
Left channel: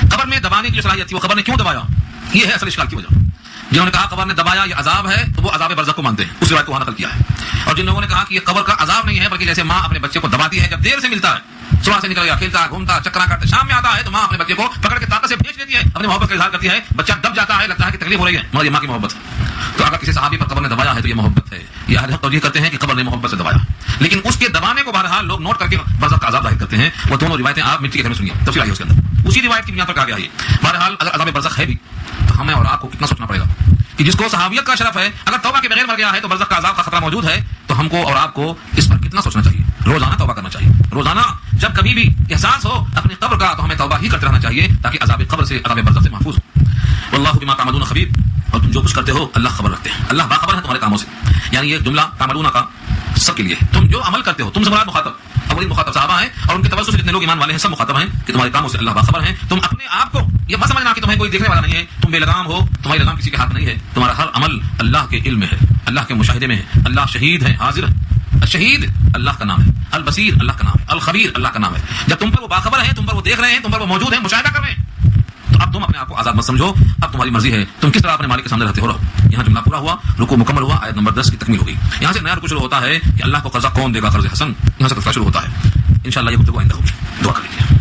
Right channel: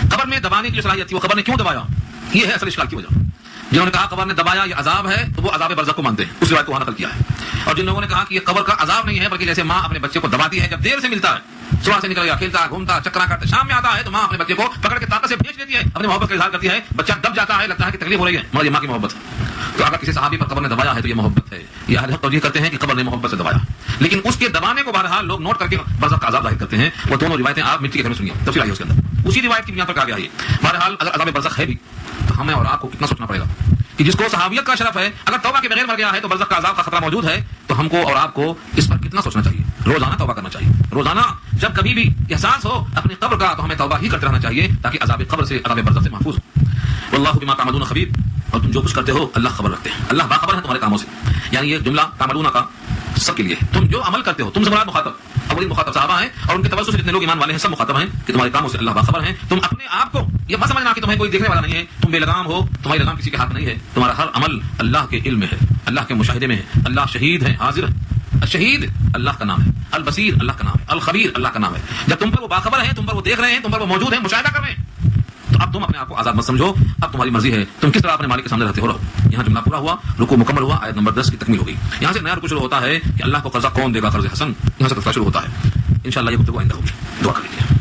قبر میں دبانے کی جو صلاحیت تھی وہ قبر نے کیوں دبایا، یہ ہے اصل اشکال کی وجہ۔ جنہوں نے کہا قبر نے دبایا یہ عذاب ہے تو وہ عذاب برزخ کو مانتے ہیں، اس روایت کو وہاں نقل کیا ہے، اور جن لوگوں نے کہا کہ یہ قبر کا عذاب نہیں ہے بلکہ جیسے ماں اپنے بچے کو دباتی ہے، جب دیر سے ملتا ہے، صبح سے نکل گیا کھیلتا گھومتا چکرا کاٹتا، شام میں آتا ہے تو ماں اپنے بچے کو پکڑ کے طاقت سے بھیج دیتی ہے، اپنی محبت کا اظہار کرتی ہے، بچہ دب جاتا ہے، لگتا ہے کہ تکلیف ہو رہی ہے، مگر یہ ماں کی محبت ہے۔ تو اگر کسی صحابی پر قبر نے دبایا ہے تو یہ محبت ہے، یہ ہر توجیہ کرتے ہیں کہ قبر نے محبت سے دبایا، لیکن اس کے دبانے کو بہرحال لوگ نوٹ کر کے برزخ کا عذاب ظاہر کرتے ہیں۔ وہ دونوں روایتیں آپ مٹی کے گھر میں سنیے، تفصیل آئی اس کے اندر، اسی روایت کی بنا پر کہا گیا ہے۔ بہرحال اگر عذاب برزخ ہے بھی تو ہمیں اور آپ کو کتنا سوچنا پڑے گا کہ جس کو صحابیت کا شرف ہے اگر توبہ کے بغیر مر گیا ہے تو برزخ کا عذاب کا خطرہ موجود ہے، تو ہم کو اور آپ کو اس پر کتنا سوچنا چاہیے، روزانہ توبہ کرنا چاہیے، روزانہ جب کبھی بھی احساس ہو اپنے قبر کا تو ہمیں توبہ ہی کرتے رہنا چاہیے تاکہ عذاب قبر سے عذاب برزخ سے محفوظ ہو۔ واللہ بما تعملون خبیر، اور تم جو کچھ کرتے ہو اللہ خبر رکھتے ہیں، اللہ باخبر ہے تمہارے کاموں سے، یعنی یہ جملہ تعملون کا سب کے لیے، تم جو عمل کرتے ہو، تم سے مخاطب تمہاری مخاطب صحابہ ہیں، اور ان کی توسط سے جتنے لوگ ایمان والے ہیں سب مخاطب ہیں کہ تمہارے کاموں سے اللہ باخبر ہے۔ تم اپنے آپ کو یہ مت سمجھنا کہ تمہیں کوئی دیکھنے والا نہیں ہے، تم بے لگام ہو، تمہارے لگام کسی کے ہاتھ نہیں ہے، تمہارا ہر عمل اللہ کے علم میں ہے، اللہ کے مشاہدے میں ہے، اللہ شہید ہے، حاضر ہے، شہید اللہ کا نام ہے، البصیر اللہ کا نام ہے، الخبیر اللہ کا نام ہے۔ جب تم پر وہ باخبر ہیں، تم پر وہ دیکھ رہے ہیں، تم پر وہ موجود ہیں، مشاہدہ کر رہے ہیں، تو اب تم اپنے آپ کو آزاد مت سمجھو، اب تمہاری مرضی ہے تم کس طرح اپنے مالک کے سامنے رہتے ہو رہو۔ یہاں جملہ پورا ہوا، رکوع مکمل ہوا، آیت نمبر 10 کی تکمیل ہو گئی۔ یہاں سے نیا رکوع شروع ہوتا ہے کہ اللہ کو قرضہ کون دے گا، قرض حسن، یہاں سے قرضہ شروع ہوتا ہے۔ انشاءاللہ یہ گفتگو آئندہ ہوگی، دعا کر لیجیے۔